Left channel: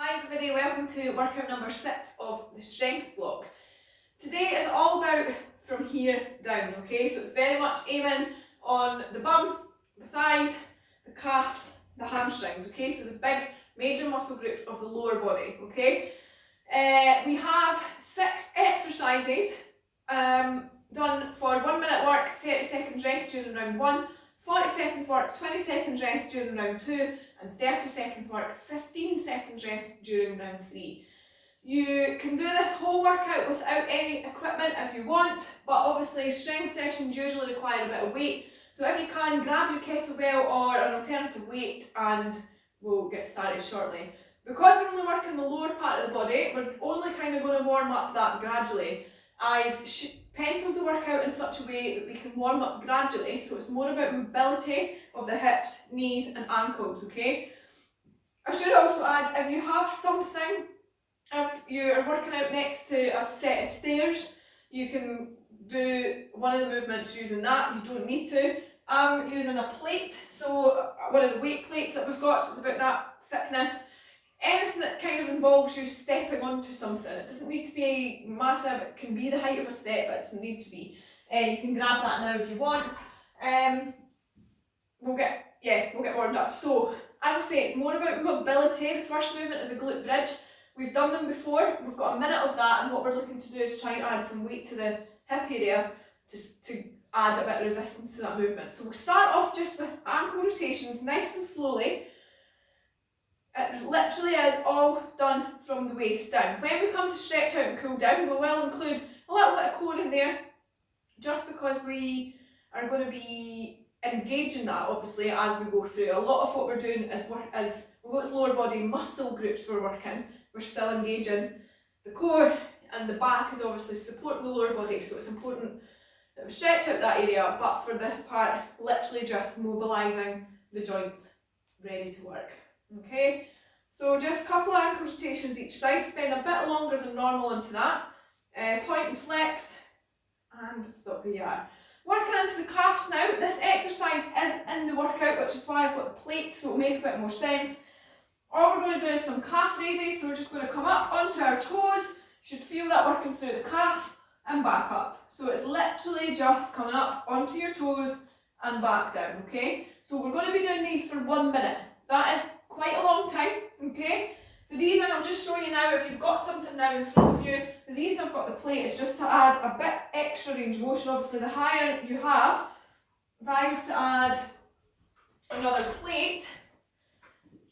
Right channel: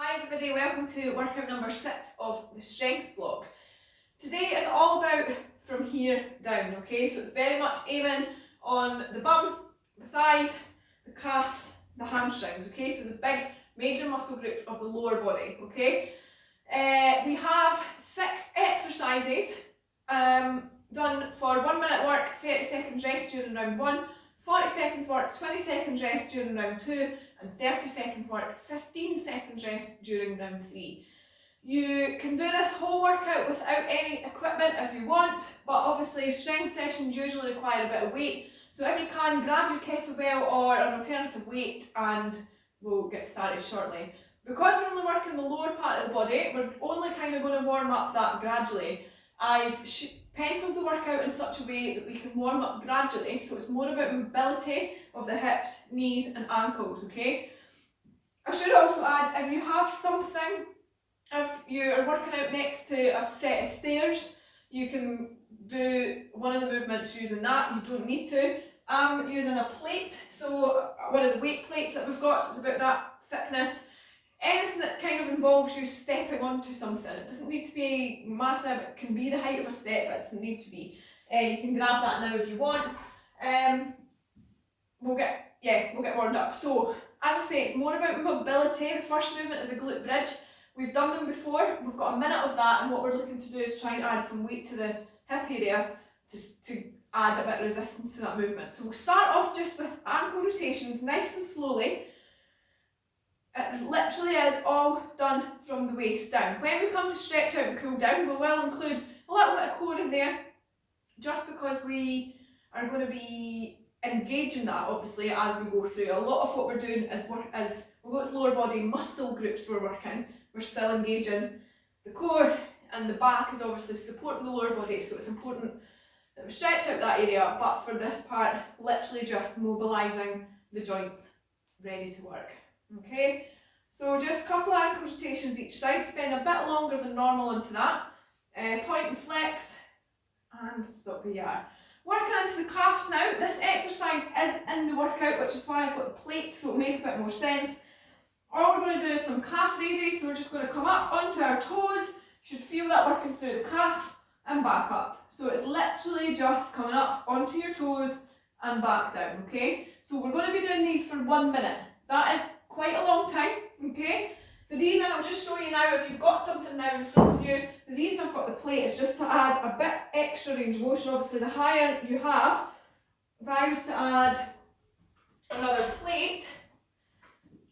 Hi everybody, welcome to workout number 6 of the strength block. Today is all about from here down, okay? So it's very much aiming on the bum, the thighs, the calves, the hamstrings, okay? So the big major muscle groups of the lower body, okay? We have 6 exercises done for 1 minute work, 30 seconds rest during round 1, 40 seconds work, 20 seconds rest during round 2, and 30 seconds work, 15 seconds rest during round 3. You can do this whole workout without any equipment if you want, but obviously strength sessions usually require a bit of weight. So if you can, grab your kettlebell or an alternative weight and we'll get started shortly. Because we're only working the lower part of the body, we're only kind of going to warm up that gradually. I've penciled the workout in such a way that we can warm up gradually, so it's more about mobility of the hips, knees and ankles, okay? I should also add, if you have something, if you're working out next to a set of stairs, you can do one of the movements using that. You don't need to. I'm using a plate, so one of the weight plates that we've got, so it's about that thickness. Anything that kind of involves you stepping onto something. It doesn't need to be massive, it can be the height of a step, but it doesn't need to be. You can grab that now if you want. We'll get warmed up. So, as I say, it's more about mobility. The first movement is a glute bridge. We've done them before, we've got a minute of that, and what we're looking to do is try and add some weight to the hip area to add a bit of resistance to that movement. So we'll start off just with ankle rotations, nice and slowly. It literally is all done from the waist down. When we come to stretch out and cool down, we will include a little bit of core in there, just because we are going to be engaging that obviously as we go through. A lot of what we're doing is although it's lower body muscle groups we're working, we're still engaging the core, and the back is obviously supporting the lower body, so it's important that we stretch out that area, but for this part, literally just mobilising the joints, ready to work. Okay, so just a couple of ankle rotations each side, spend a bit longer than normal into that. Point and flex, and stop where you are. Working into the calves now. This exercise is in the workout, which is why I've got the plate, so it'll make a bit more sense. All we're going to do is some calf raises, so we're just going to come up onto our toes, should feel that working through the calf, and back up. So it's literally just coming up onto your toes and back down, okay? So we're going to be doing these for 1 minute. That is quite a long time, okay? The reason, I'll just show you now, if you've got something now in front of you, the reason I've got the plate is just to add a bit extra range of motion. Obviously the higher you have, if I was to add another plate,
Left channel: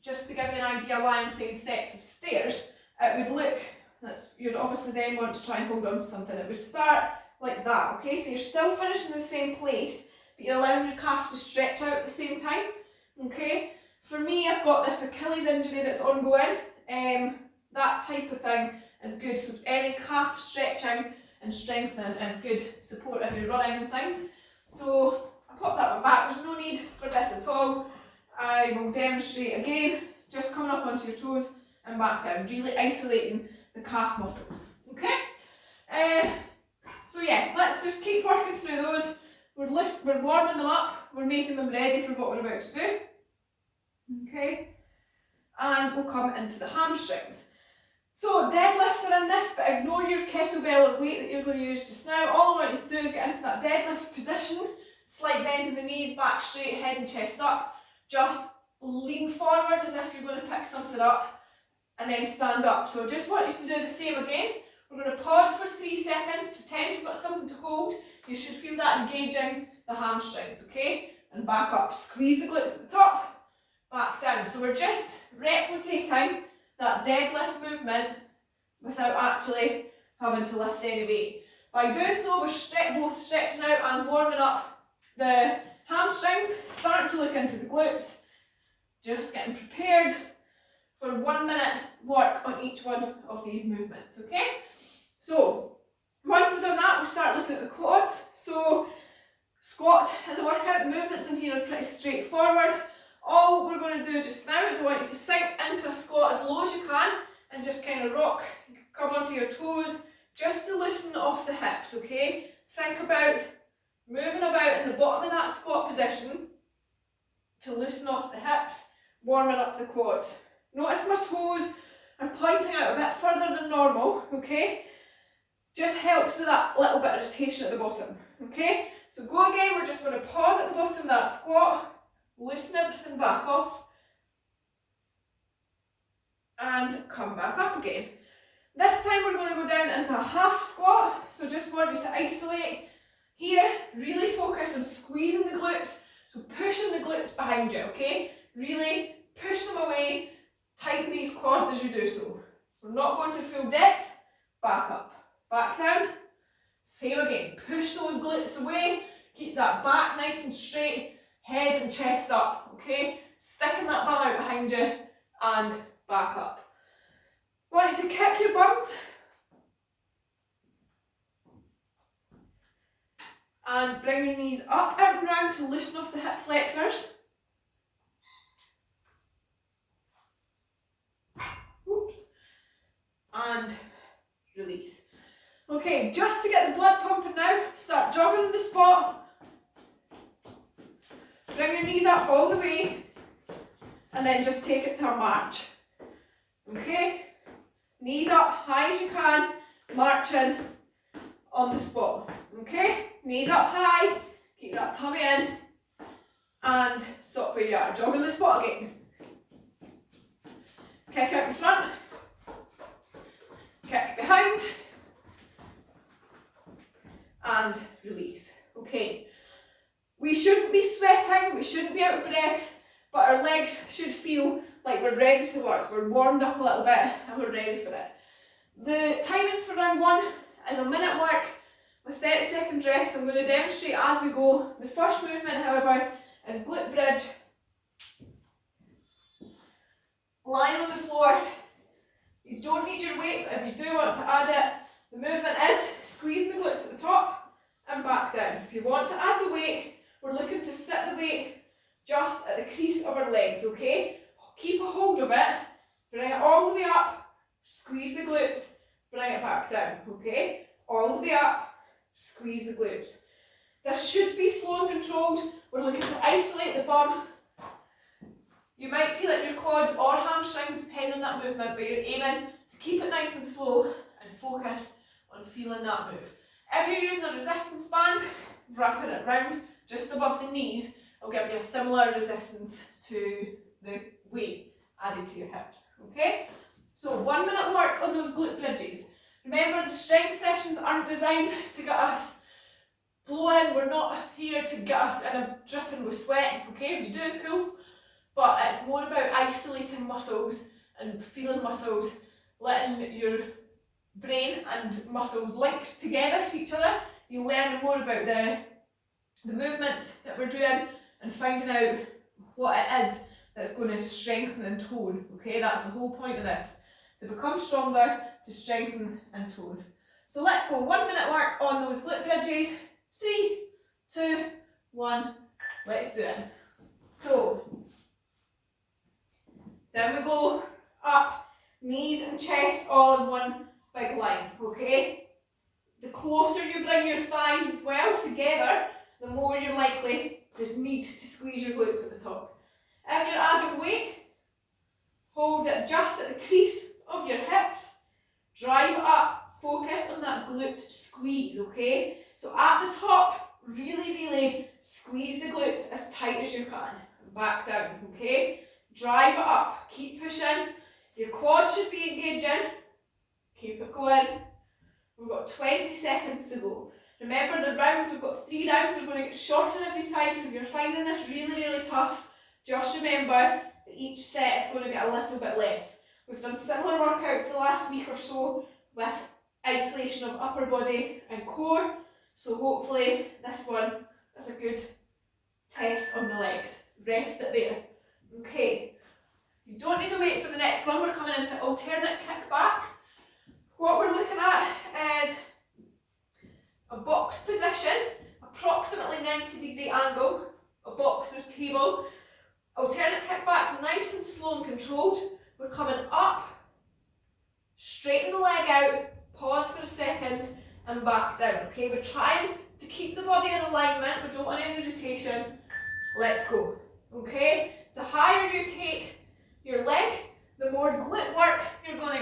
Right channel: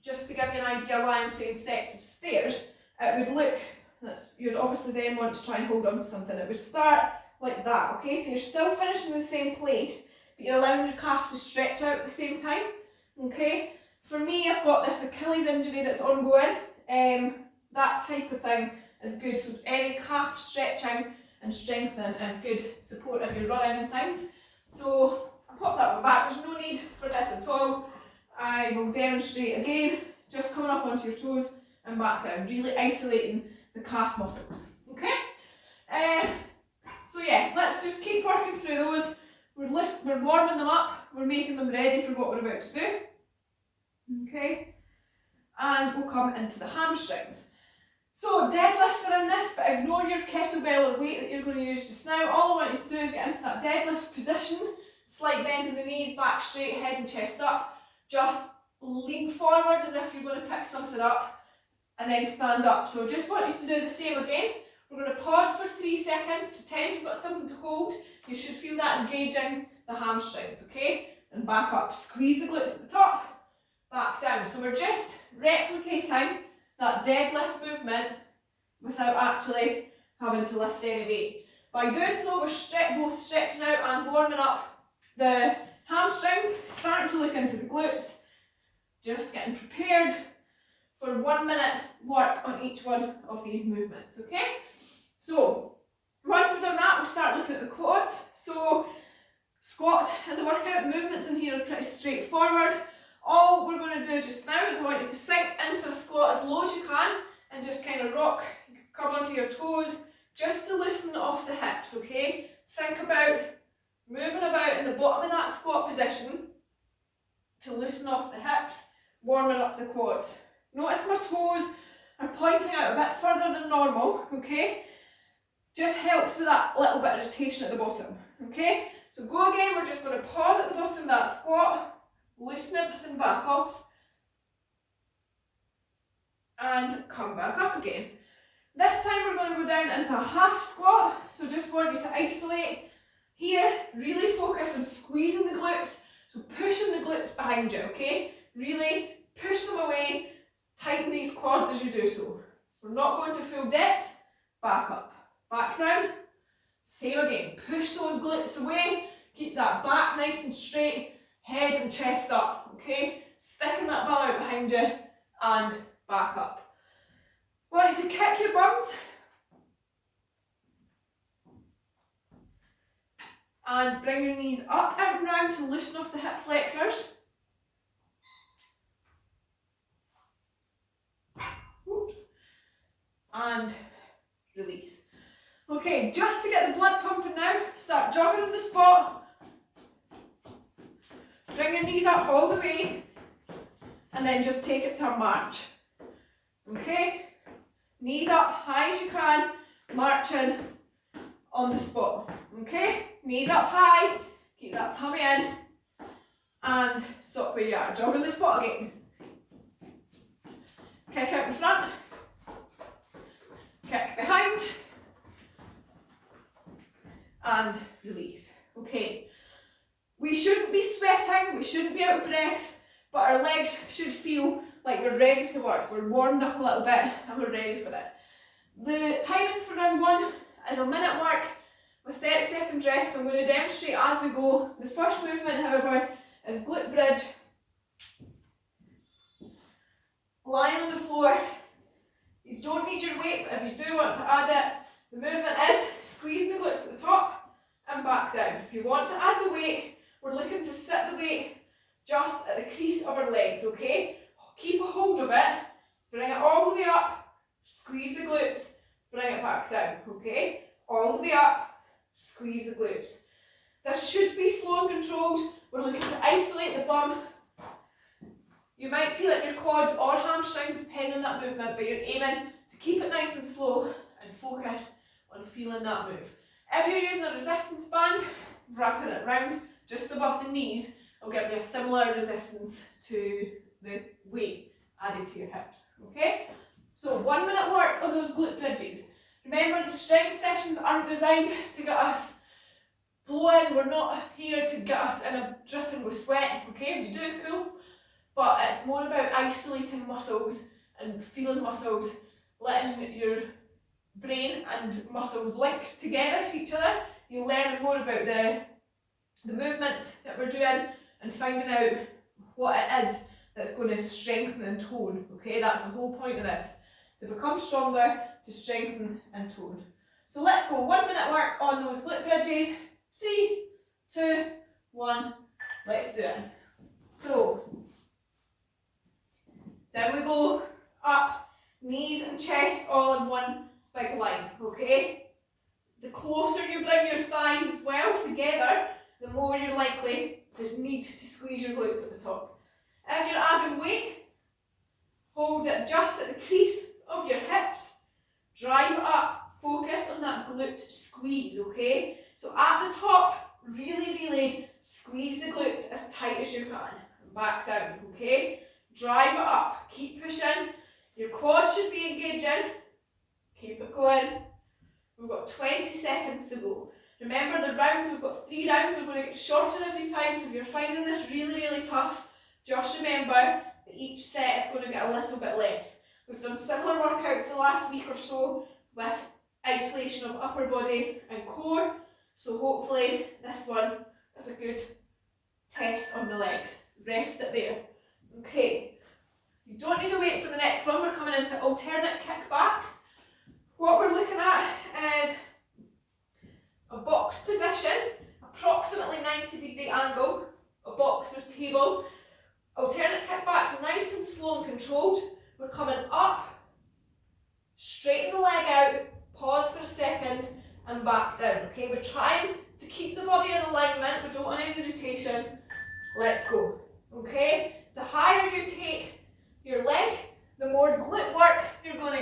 just to give you an idea why I'm saying sets of stairs, it would look, you'd obviously then want to try and hold on to something. It would start like that, okay? So you're still finishing in the same place, but you're allowing your calf to stretch out at the same time, okay? For me, I've got this Achilles injury that's ongoing. That type of thing is good. So any calf stretching and strengthening is good support if you're running and things. So I'll pop that one back. There's no need for this at all. I will demonstrate again, just coming up onto your toes and back down, really isolating the calf muscles. Okay? So yeah, let's just keep working through those. We're warming them up, we're making them ready for what we're about to do. Okay? And we'll come into the hamstrings. So deadlifts are in this, but ignore your kettlebell or weight that you're going to use just now. All I want you to do is get into that deadlift position, slight bend in the knees, back straight, head and chest up. Just lean forward as if you're going to pick something up and then stand up. So I just want you to do the same again. We're going to pause for 3 seconds, pretend you've got something to hold. You should feel that engaging the hamstrings, okay? And back up. Squeeze the glutes at the top, back down. So we're just replicating that deadlift movement without actually having to lift any weight. By doing so, we're both stretching out and warming up the hamstrings, starting to look into the glutes, just getting prepared for 1 minute work on each one of these movements, okay? So, once we've done that, we'll start looking at the quads. So, squats in the workout, the movements in here are pretty straightforward. All we're going to do just now is I want you to sink into a squat as low as you can and just kind of rock, come onto your toes, just to loosen off the hips, okay? Think about moving about in the bottom of that squat position to loosen off the hips, warming up the quads. Notice my toes are pointing out a bit further than normal, okay? Just helps with that little bit of rotation at the bottom, okay? So go again, we're just going to pause at the bottom of that squat, loosen everything back off, and come back up again. This time we're going to go down into a half squat, so just want you to isolate here, really focus on squeezing the glutes, so pushing the glutes behind you, okay? Really push them away, tighten these quads as you do so. We're not going to full depth, back up, back down, same again, push those glutes away, keep that back nice and straight, head and chest up, okay? Sticking that bum out behind you, and back up. I want you to kick your bums, and bring your knees up, out and round to loosen off the hip flexors. Oops. And release. Okay, just to get the blood pumping now, start jogging on the spot. Bring your knees up all the way, and then just take it to a march. Okay? Knees up high as you can, marching on the spot. Okay? Knees up high, keep that tummy in, and stop where you are. Jog on the spot again. Kick out in front, kick behind, and release. Okay, we shouldn't be sweating, we shouldn't be out of breath, but our legs should feel like we're ready to work. We're warmed up a little bit and we're ready for it. The timings for round one is a minute work with 30-second rest. I'm going to demonstrate as we go. The first movement, however, is glute bridge. Lying on the floor. You don't need your weight, but if you do want to add it, the movement is squeezing the glutes at the top and back down. If you want to add the weight, we're looking to sit the weight just at the crease of our legs, okay? Keep a hold of it, bring it all the way up, squeeze the glutes, bring it back down, okay? All the way up, squeeze the glutes. This should be slow and controlled. We're looking to isolate the bum. You might feel it in your quads or hamstrings depending on that movement, but you're aiming to keep it nice and slow and focus on feeling that move. If you're using a resistance band, wrapping it round just above the knees, will give you a similar resistance to the weight added to your hips, okay? So 1 minute work on those glute bridges. Remember, the strength sessions aren't designed to get us blowing. We're not here to get us in a dripping with sweat, okay? If you do, cool. But it's more about isolating muscles and feeling muscles, letting your brain and muscles link together to each other. You'll learn more about the movements that we're doing and finding out what it is that's going to strengthen and tone, okay? That's the whole point of this, to become stronger, to strengthen and tone. So let's go, 1 minute work on those glute bridges. 3, 2, 1, let's do it. So, down we go, up, knees and chest all in one big line, okay? The closer you bring your thighs as well together, the more you're likely to need to squeeze your glutes at the top. If you're adding weight, hold it just at the crease of your hips, drive it up, focus on that glute squeeze, okay? So at the top, really squeeze the glutes as tight as you can, and back down, okay? Drive it up, keep pushing, your quads should be engaging, keep it going. We've got 20 seconds to go. Remember the rounds, we've got 3 rounds, we're going to get shorter every time, so if you're finding this really tough, just remember that each set is going to get a little bit less. We've done similar workouts the last week or so with isolation of upper body and core, so hopefully this one is a good test on the legs. Rest it there. Okay, you don't need to wait for the next one, we're coming into alternate kickbacks. What we're looking at is a box position, approximately 90-degree angle, a box or table. Alternate kickbacks, nice and slow and controlled. We're coming up, straighten the leg out, pause for a second, and back down, okay? We're trying to keep the body in alignment, we don't want any rotation. Let's go, okay? The higher you take your leg, the more glute work you're going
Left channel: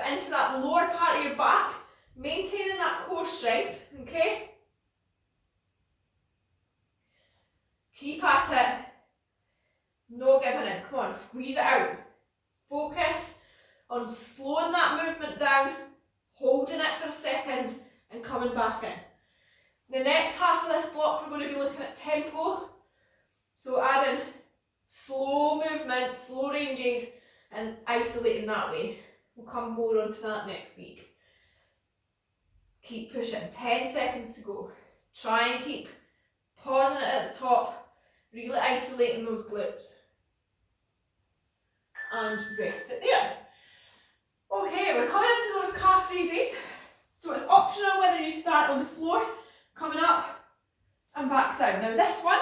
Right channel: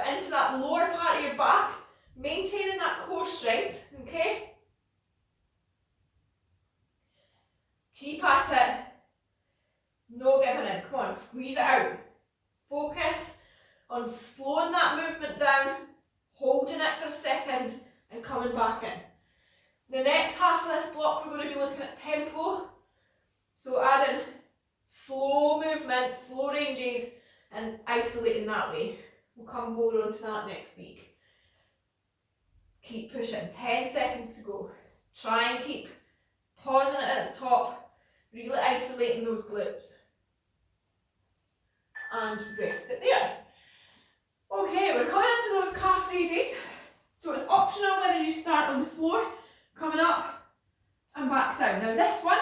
but into that lower part of your back, maintaining that core strength, okay? Keep at it. No giving in. Come on, squeeze it out. Focus on slowing that movement down, holding it for a second, and coming back in. The next half of this block, we're going to be looking at tempo. So adding slow movement, slow ranges, and isolating that way. We'll come more onto that next week. Keep pushing. 10 seconds to go. Try and keep pausing it at the top, really isolating those glutes. And rest it there. Okay, we're coming into those calf raises. So it's optional whether you start on the floor, coming up and back down. Now this one,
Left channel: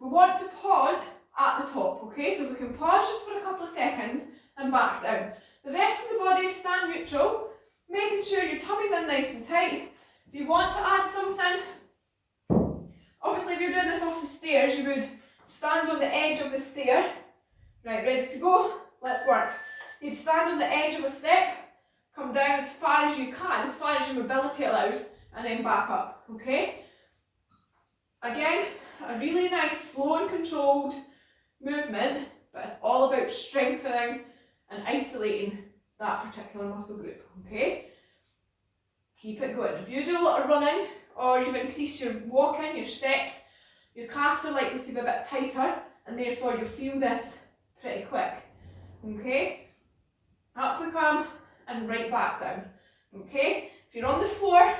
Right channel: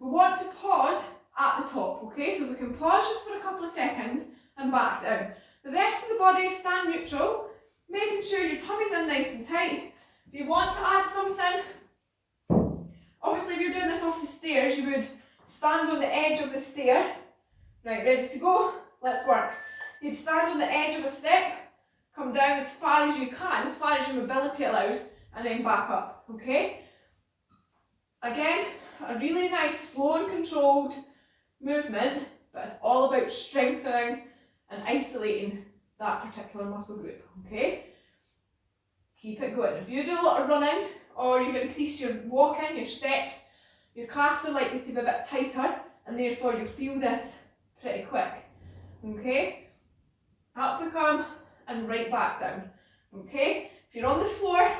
we want to pause at the top, okay? So we can pause just for a couple of seconds and back down. The rest of the body, stand neutral, making sure your tummy's in nice and tight. If you want to add something, obviously if you're doing this off the stairs, you would stand on the edge of the stair. Right, ready to go? Let's work. You'd stand on the edge of a step, come down as far as you can, as far as your mobility allows, and then back up, okay? Again, a really nice, slow and controlled movement, but it's all about strengthening and isolating that particular muscle group, okay? Keep it going. If you do a lot of running, or you've increased your walking, your steps, your calves are likely to be a bit tighter, and therefore you'll feel this pretty quick, okay? Up we come, and right back down, okay? If you're on the floor,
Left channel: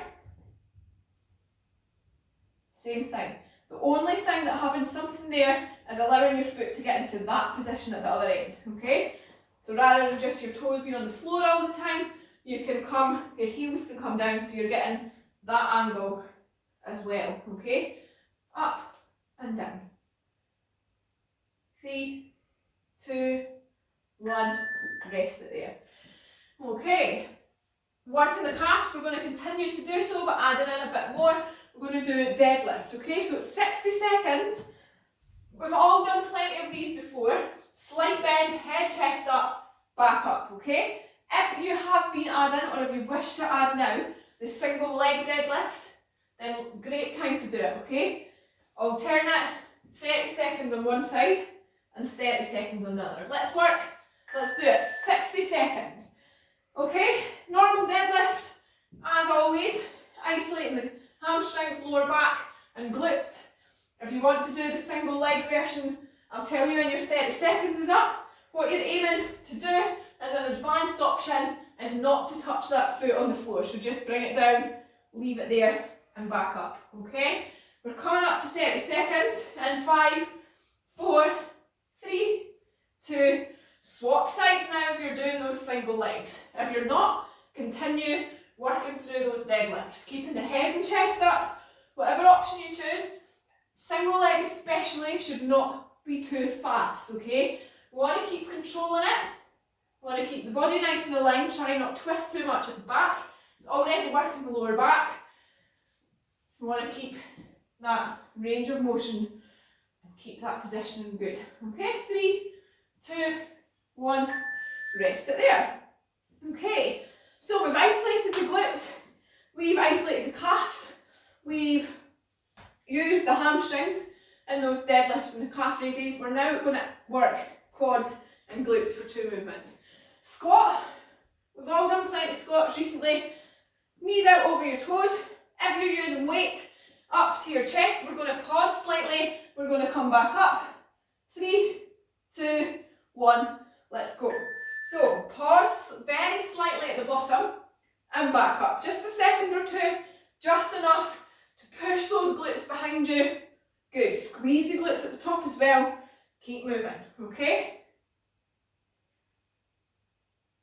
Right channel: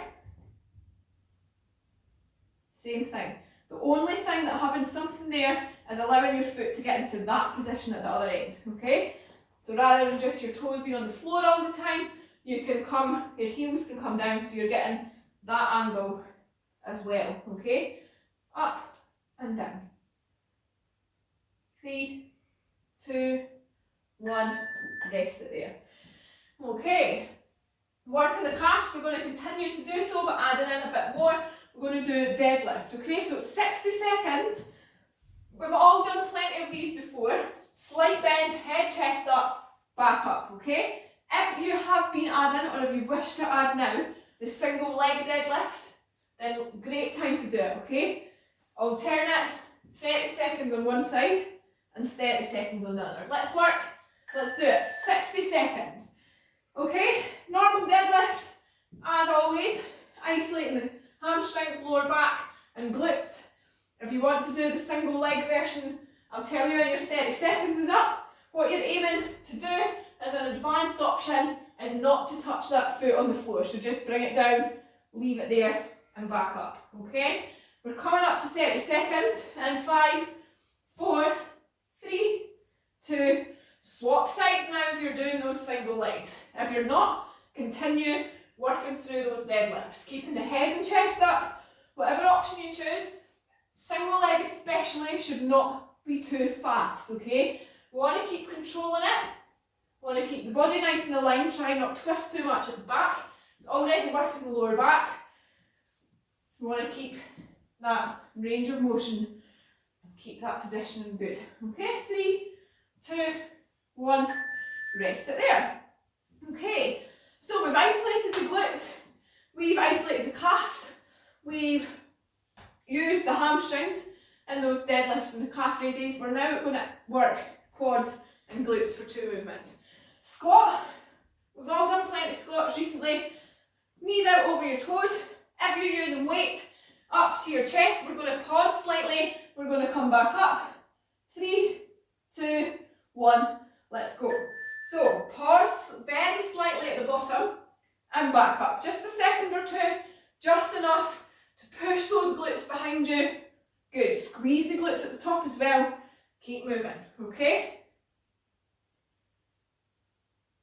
same thing. The only thing that having something there is allowing your foot to get into that position at the other end, okay? So rather than just your toes being on the floor all the time, you can come, your heels can come down so you're getting that angle as well, okay? Up and down. 3, 2, 1, rest it there. Okay, working the calves, we're going to continue to do so, but adding in a bit more. We're going to do deadlift, okay? So it's 60 seconds. We've all done plenty of these before. Slight bend, head, chest up, back up, okay? If you have been adding, or if you wish to add now, the single leg deadlift, then great time to do it, okay? Alternate 30 seconds on one side and 30 seconds on the other. Let's work. Let's do it. 60 seconds. Okay, normal deadlift, as always, isolating the hamstrings, lower back and glutes. If you want to do the single leg version, I'll tell you when your 30 seconds is up. What you're aiming to do as an advanced option is not to touch that foot on the floor. So just bring it down, leave it there and back up, okay? We're coming up to 30 seconds in 5, 4, 3, 2, swap sides now if you're doing those single legs. If you're not, continue working through those deadlifts, keeping the head and chest up, whatever option you choose. Single leg especially should not be too fast, okay? We want to keep controlling it. We want to keep the body nice and aligned, try not to twist too much at the back. It's already working the lower back. So we want to keep that range of motion and keep that position good. Okay, 3, 2, 1, rest it there. Okay, so we've isolated the glutes, we've isolated the calves, we've used the hamstrings in those deadlifts and the calf raises. We're now going to work quads and glutes for 2 movements. Squat, we've all done plenty of squats recently. Knees out over your toes. If you're using weight up to your chest, we're going to pause slightly, we're going to come back up. 3, 2, 1, let's go. So pause very slightly at the bottom and back up. Just a second or two, just enough to push those glutes behind you. Good, squeeze the glutes at the top as well. Keep moving, okay?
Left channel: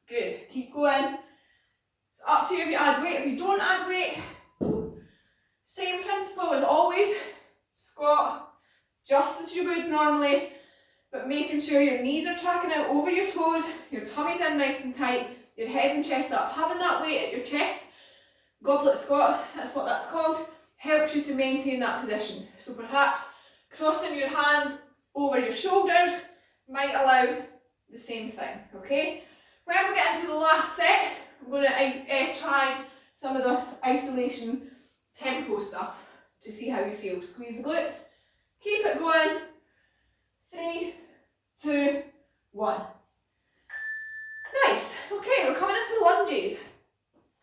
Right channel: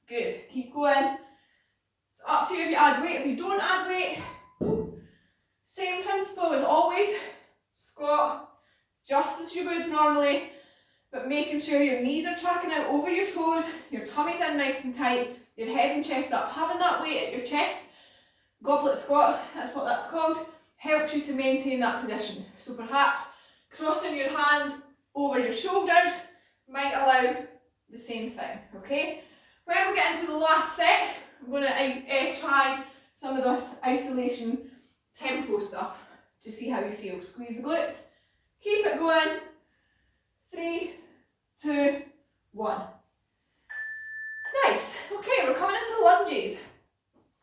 Good, keep going. It's up to you if you add weight. If you don't add weight, same principle as always. Squat just as you would normally, but making sure your knees are tracking out over your toes, your tummy's in nice and tight, your head and chest up. Having that weight at your chest, goblet squat, that's what that's called, helps you to maintain that position. So perhaps crossing your hands over your shoulders might allow the same thing, okay? When we get into the last set, I'm going to try some of this isolation tempo stuff to see how you feel. Squeeze the glutes, keep it going. 3, 2, 1. Nice. Okay, we're coming into lunges.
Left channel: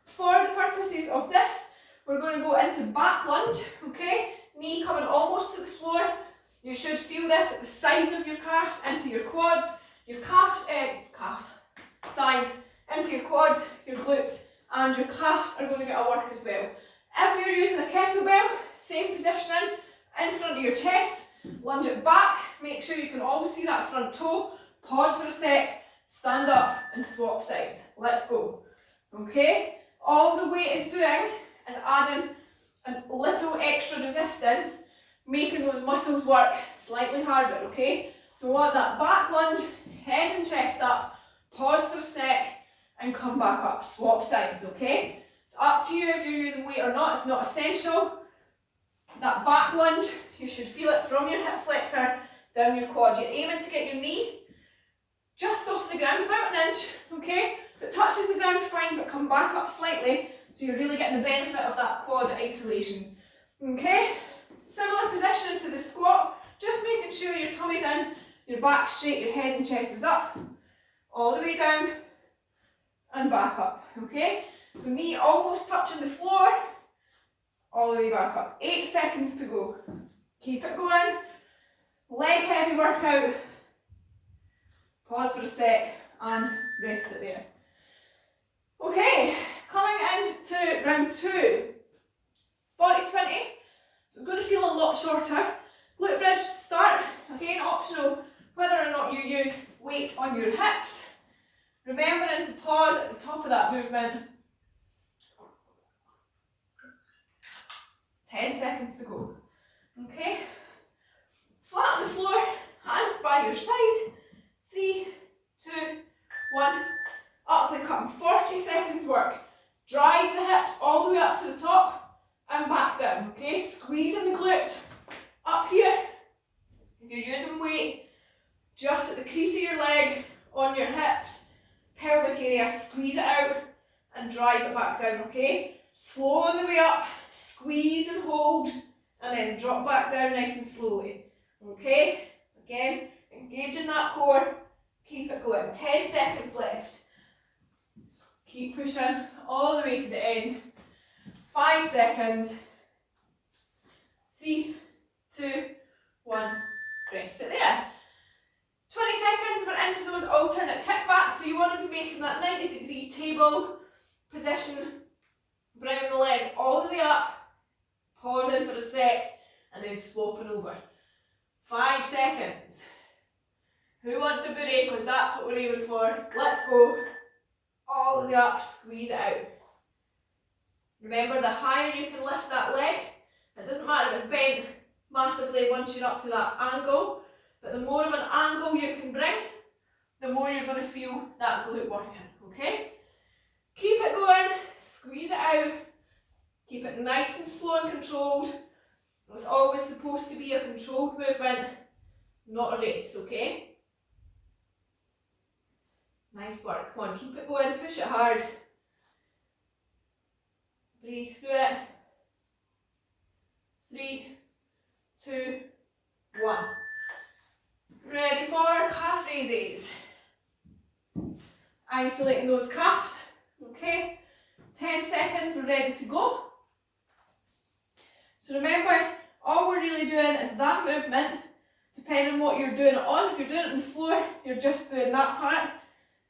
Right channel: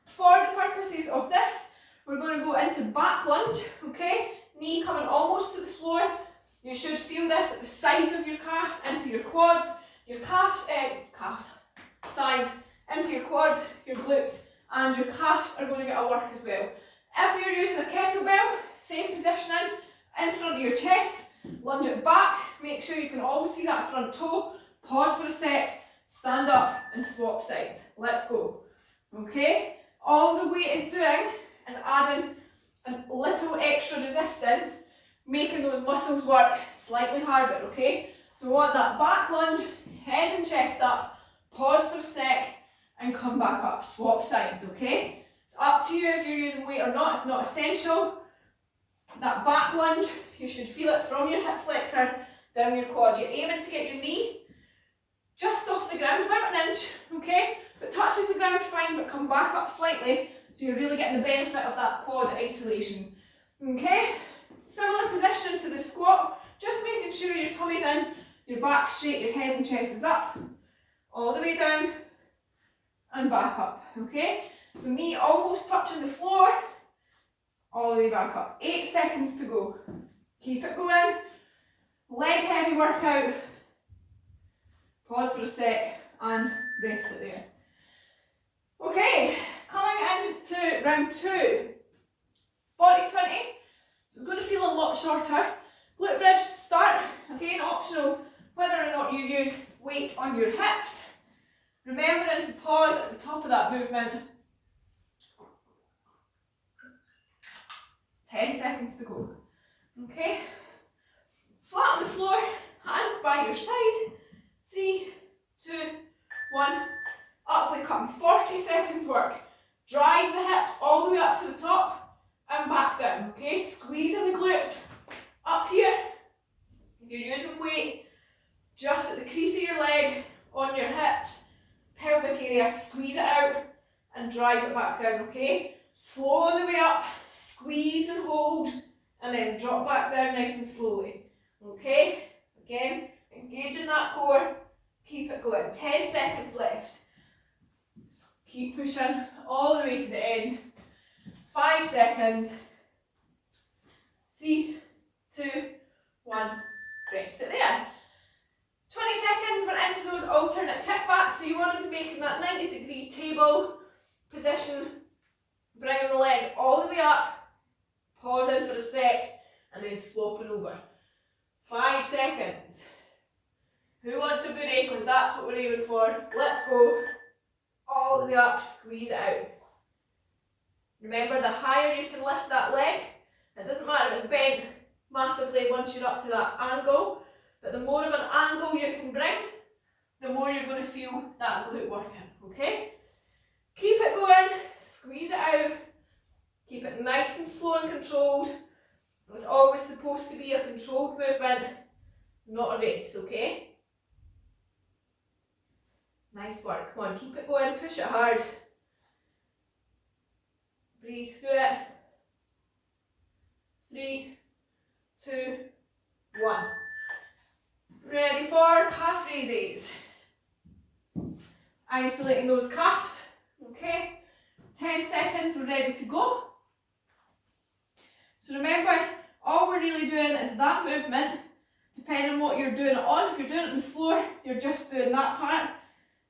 For the purposes of this, we're going to go into back lunge, okay? Knee coming almost to the floor. You should feel this at the sides of your calves, into your quads, your thighs, into your quads, your glutes, and your calves are going to get a work as well. If you're using a kettlebell, same positioning, in front of your chest, lunge it back, make sure you can always see that front toe, pause for a sec, stand up and swap sides. Let's go. Okay, all the weight is doing is adding a little extra resistance, making those muscles work slightly harder, okay? So we want that back lunge, head and chest up, pause for a sec, and come back up. Swap sides, okay? It's up to you if you're using weight or not, it's not essential. That back lunge, you should feel it from your hip flexor down your quad. You're aiming to get your knee just off the ground, about an inch, okay? If it touches the ground, fine, but come back up slightly, so you're really getting the benefit of that quad isolation. Okay? Similar position to the squat, just making sure your tummy's in, your back's straight, your head and chest is up, all the way down, and back up, okay? So knee almost touching the floor, all the way back up. 8 seconds to go. Keep it going. Leg heavy workout. Pause for a sec and rest it there. Okay, coming into round 2. 40-20. So it's going to feel a lot shorter. Glute bridge to start. Again, optional whether or not you use weight on your hips. Remembering to pause at the top of that movement. 10 seconds to go. Okay, flat on the floor, hands by your side. 3, 2, 1, up we come. 40 seconds work. Drive the hips all the way up to the top and back down, okay? Squeezing the glutes up here. If you're using weight, just at the crease of your leg, on your hips, pelvic area, squeeze it out and drive it back down, okay? Slow on the way up, squeeze and hold, and then drop back down nice and slowly, okay? Again, engaging that core, keep it going. 10 seconds left. So keep pushing all the way to the end. 5 seconds. 3, 2, 1, rest it there. 20 seconds, we're into those alternate kickbacks, so you want to be making that 90-degree table position, bringing the leg all the way up, pausing for a sec, and then swapping over. 5 seconds. Who wants a booty? Because that's what we're aiming for. Let's go. All the way up, squeeze it out. Remember, the higher you can lift that leg, it doesn't matter if it's bent massively once you're up to that angle, but the more of an angle you can bring, the more you're going to feel that glute working, okay? Keep it going, squeeze it out, keep it nice and slow and controlled. It's always supposed to be a controlled movement, not a race, okay? Nice work, come on, keep it going, push it hard. Breathe through it. 3, 2, 1. Ready for calf raises. Isolating those calves, okay? 10 seconds, we're ready to go. So remember, all we're really doing is that movement, depending on what you're doing it on. If you're doing it on the floor, you're just doing that part.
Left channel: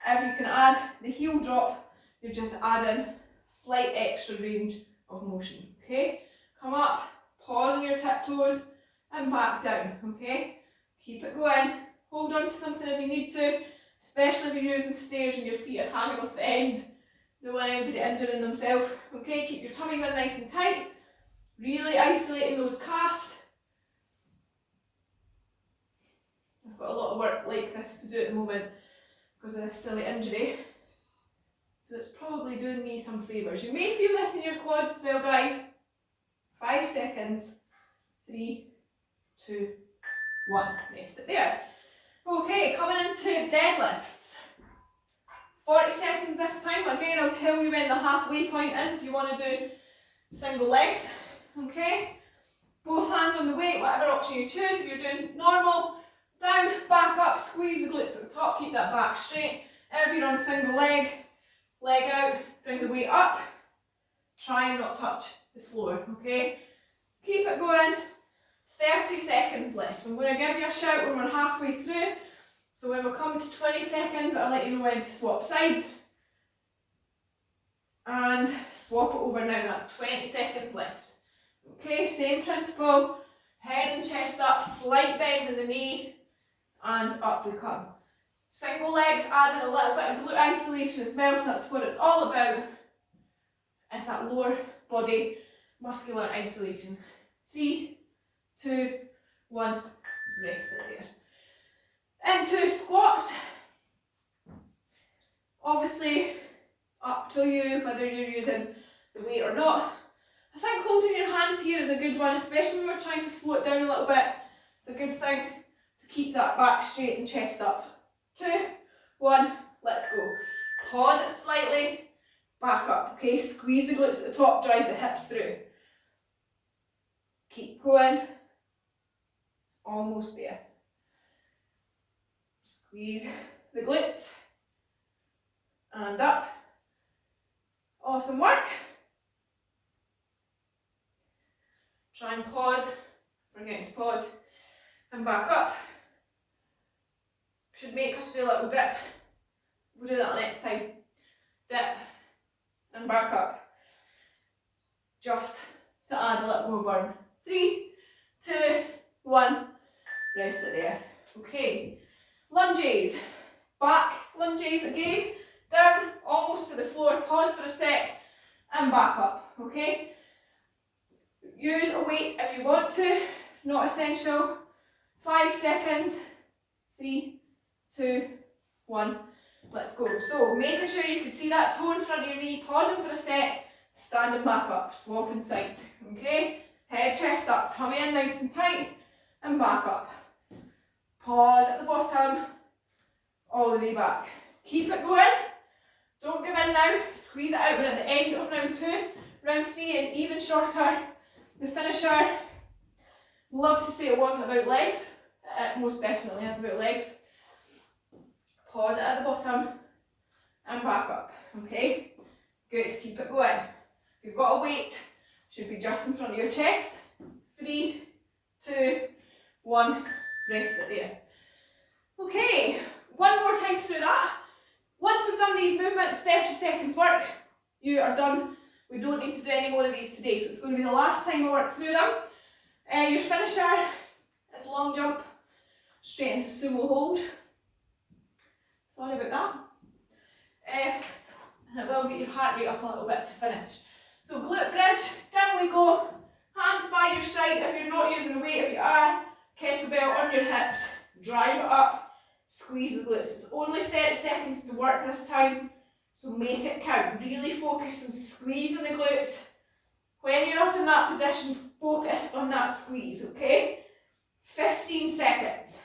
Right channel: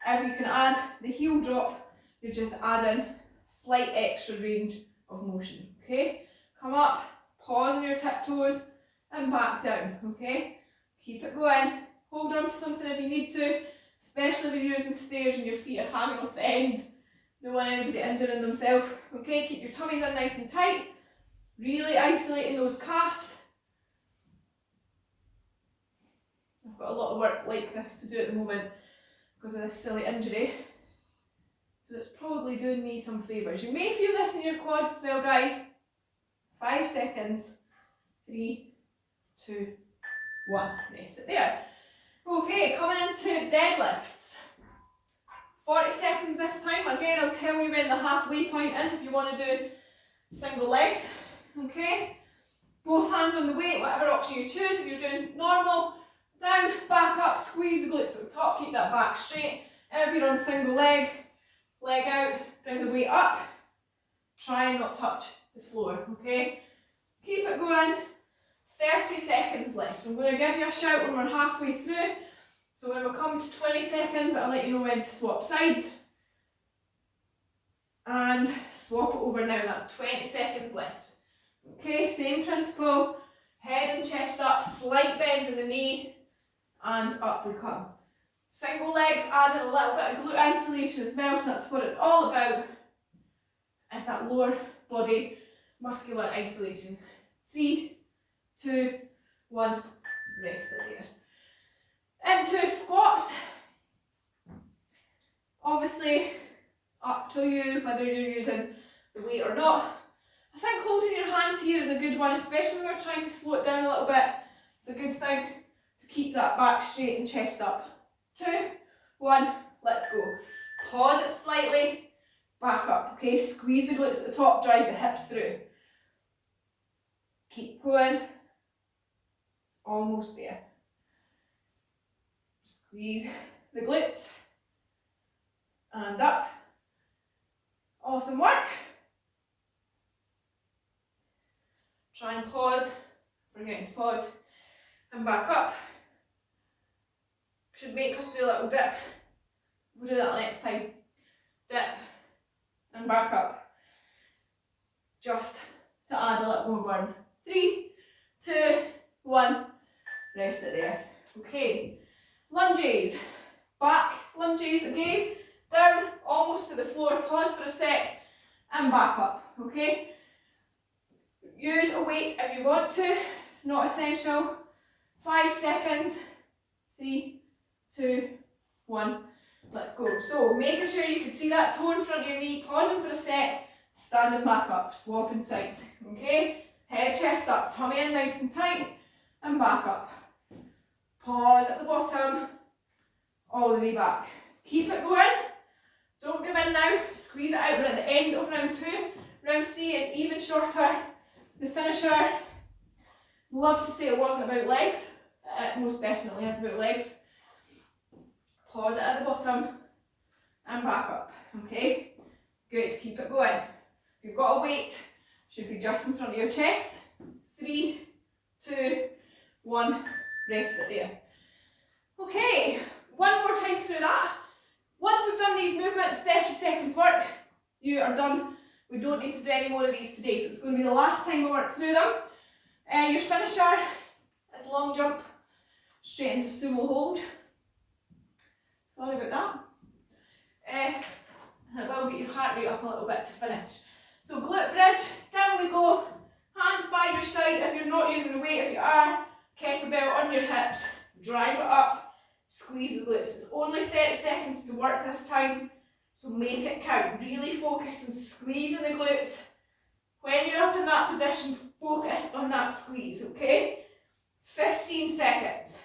If you can add the heel drop, you're just adding slight extra range of motion, okay? Come up, pause on your tiptoes, and back down, okay? Keep it going. Hold on to something if you need to, especially if you're using stairs and your feet are hanging off the end. Don't want anybody injuring themselves, okay? Keep your tummies in nice and tight. Really isolating those calves. I've got a lot of work like this to do at the moment because of this silly injury. So it's probably doing me some favours. You may feel this in your quads as well, guys. 5 seconds. 3, 2, 1. Rest it there. Okay, coming into deadlifts. 40 seconds this time. Again, I'll tell you when the halfway point is if you want to do single legs. Okay? Both hands on the weight, whatever option you choose. If you're doing normal, down, back up, squeeze the glutes at the top, keep that back straight. If you're on single leg, leg out, bring the weight up. Try and not touch the floor, okay? Keep it going. 30 seconds left. I'm going to give you a shout when we're halfway through. So when we're coming to 20 seconds, I'll let you know when to swap sides. And swap it over now. That's 20 seconds left. Okay, same principle. Head and chest up, slight bend in the knee, and up we come. Single legs, add in a little bit of glute isolation as well, so that's what it's all about. Is that lower body muscular isolation. 3, 2, 1, rest it there. Into squats. Obviously, up to you whether you're using the weight or not. I think holding your hands here is a good one, especially when we're trying to slow it down a little bit. It's a good thing to keep that back straight and chest up. 2, 1, let's go. Pause it slightly, back up, okay? Squeeze the glutes at the top, drive the hips through. Keep going. Almost there. Squeeze the glutes. And up. Awesome work. Try and pause, forgetting to pause, and back up. Should make us do a little dip. We'll do that next time. Dip, and back up. Just to add a little more burn. 3, 2, 1, rest it there. Okay, lunges. Back lunges again, down, almost to the floor, pause for a sec, and back up, okay? Use a weight if you want to, not essential. 5 seconds, 3, 2, 1, let's go. So making sure you can see that toe in front of your knee, pausing for a sec, standing back up, swapping sides, okay? Head, chest up, tummy in nice and tight, and back up. Pause at the bottom, all the way back. Keep it going, don't give in now, squeeze it out. We're at the end of round 2. Round 3 is even shorter. The finisher, love to say it wasn't about legs, it most definitely is about legs. Pause it at the bottom and back up, okay? Good, keep it going. If you've got a weight, should be just in front of your chest. 3, 2, 1, rest it there. Okay, one more time through that. Once we've done these movements, 30 seconds work, you are done. We don't need to do any more of these today, so it's going to be the last time I work through them. Your finisher is long jump, straight into sumo hold. Sorry about that. And it will get your heart rate up a little bit to finish. So glute bridge, down we go, hands by your side if you're not using a weight. If you are, kettlebell on your hips, drive it up, squeeze the glutes. It's only 30 seconds to work this time, so make it count. Really focus on squeezing the glutes. When you're up in that position, focus on that squeeze, okay? 15 seconds.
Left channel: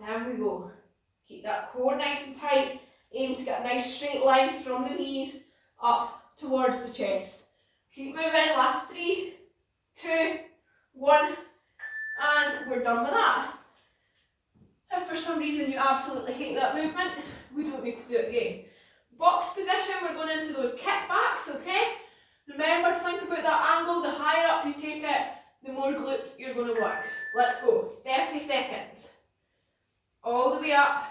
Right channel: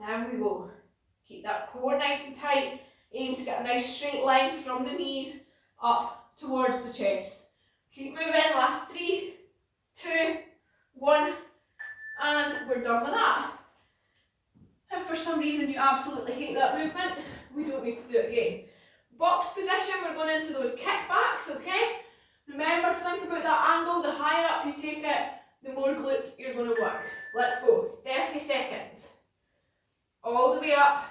Down we go. Keep that core nice and tight. Aim to get a nice straight line from the knees up towards the chest. Keep moving, last 3, 2, 1, and we're done with that. If for some reason you absolutely hate that movement, we don't need to do it again. Box position, we're going into those kickbacks, okay? Remember, think about that angle. The higher up you take it, the more glute you're going to work. Let's go, 30 seconds. All the way up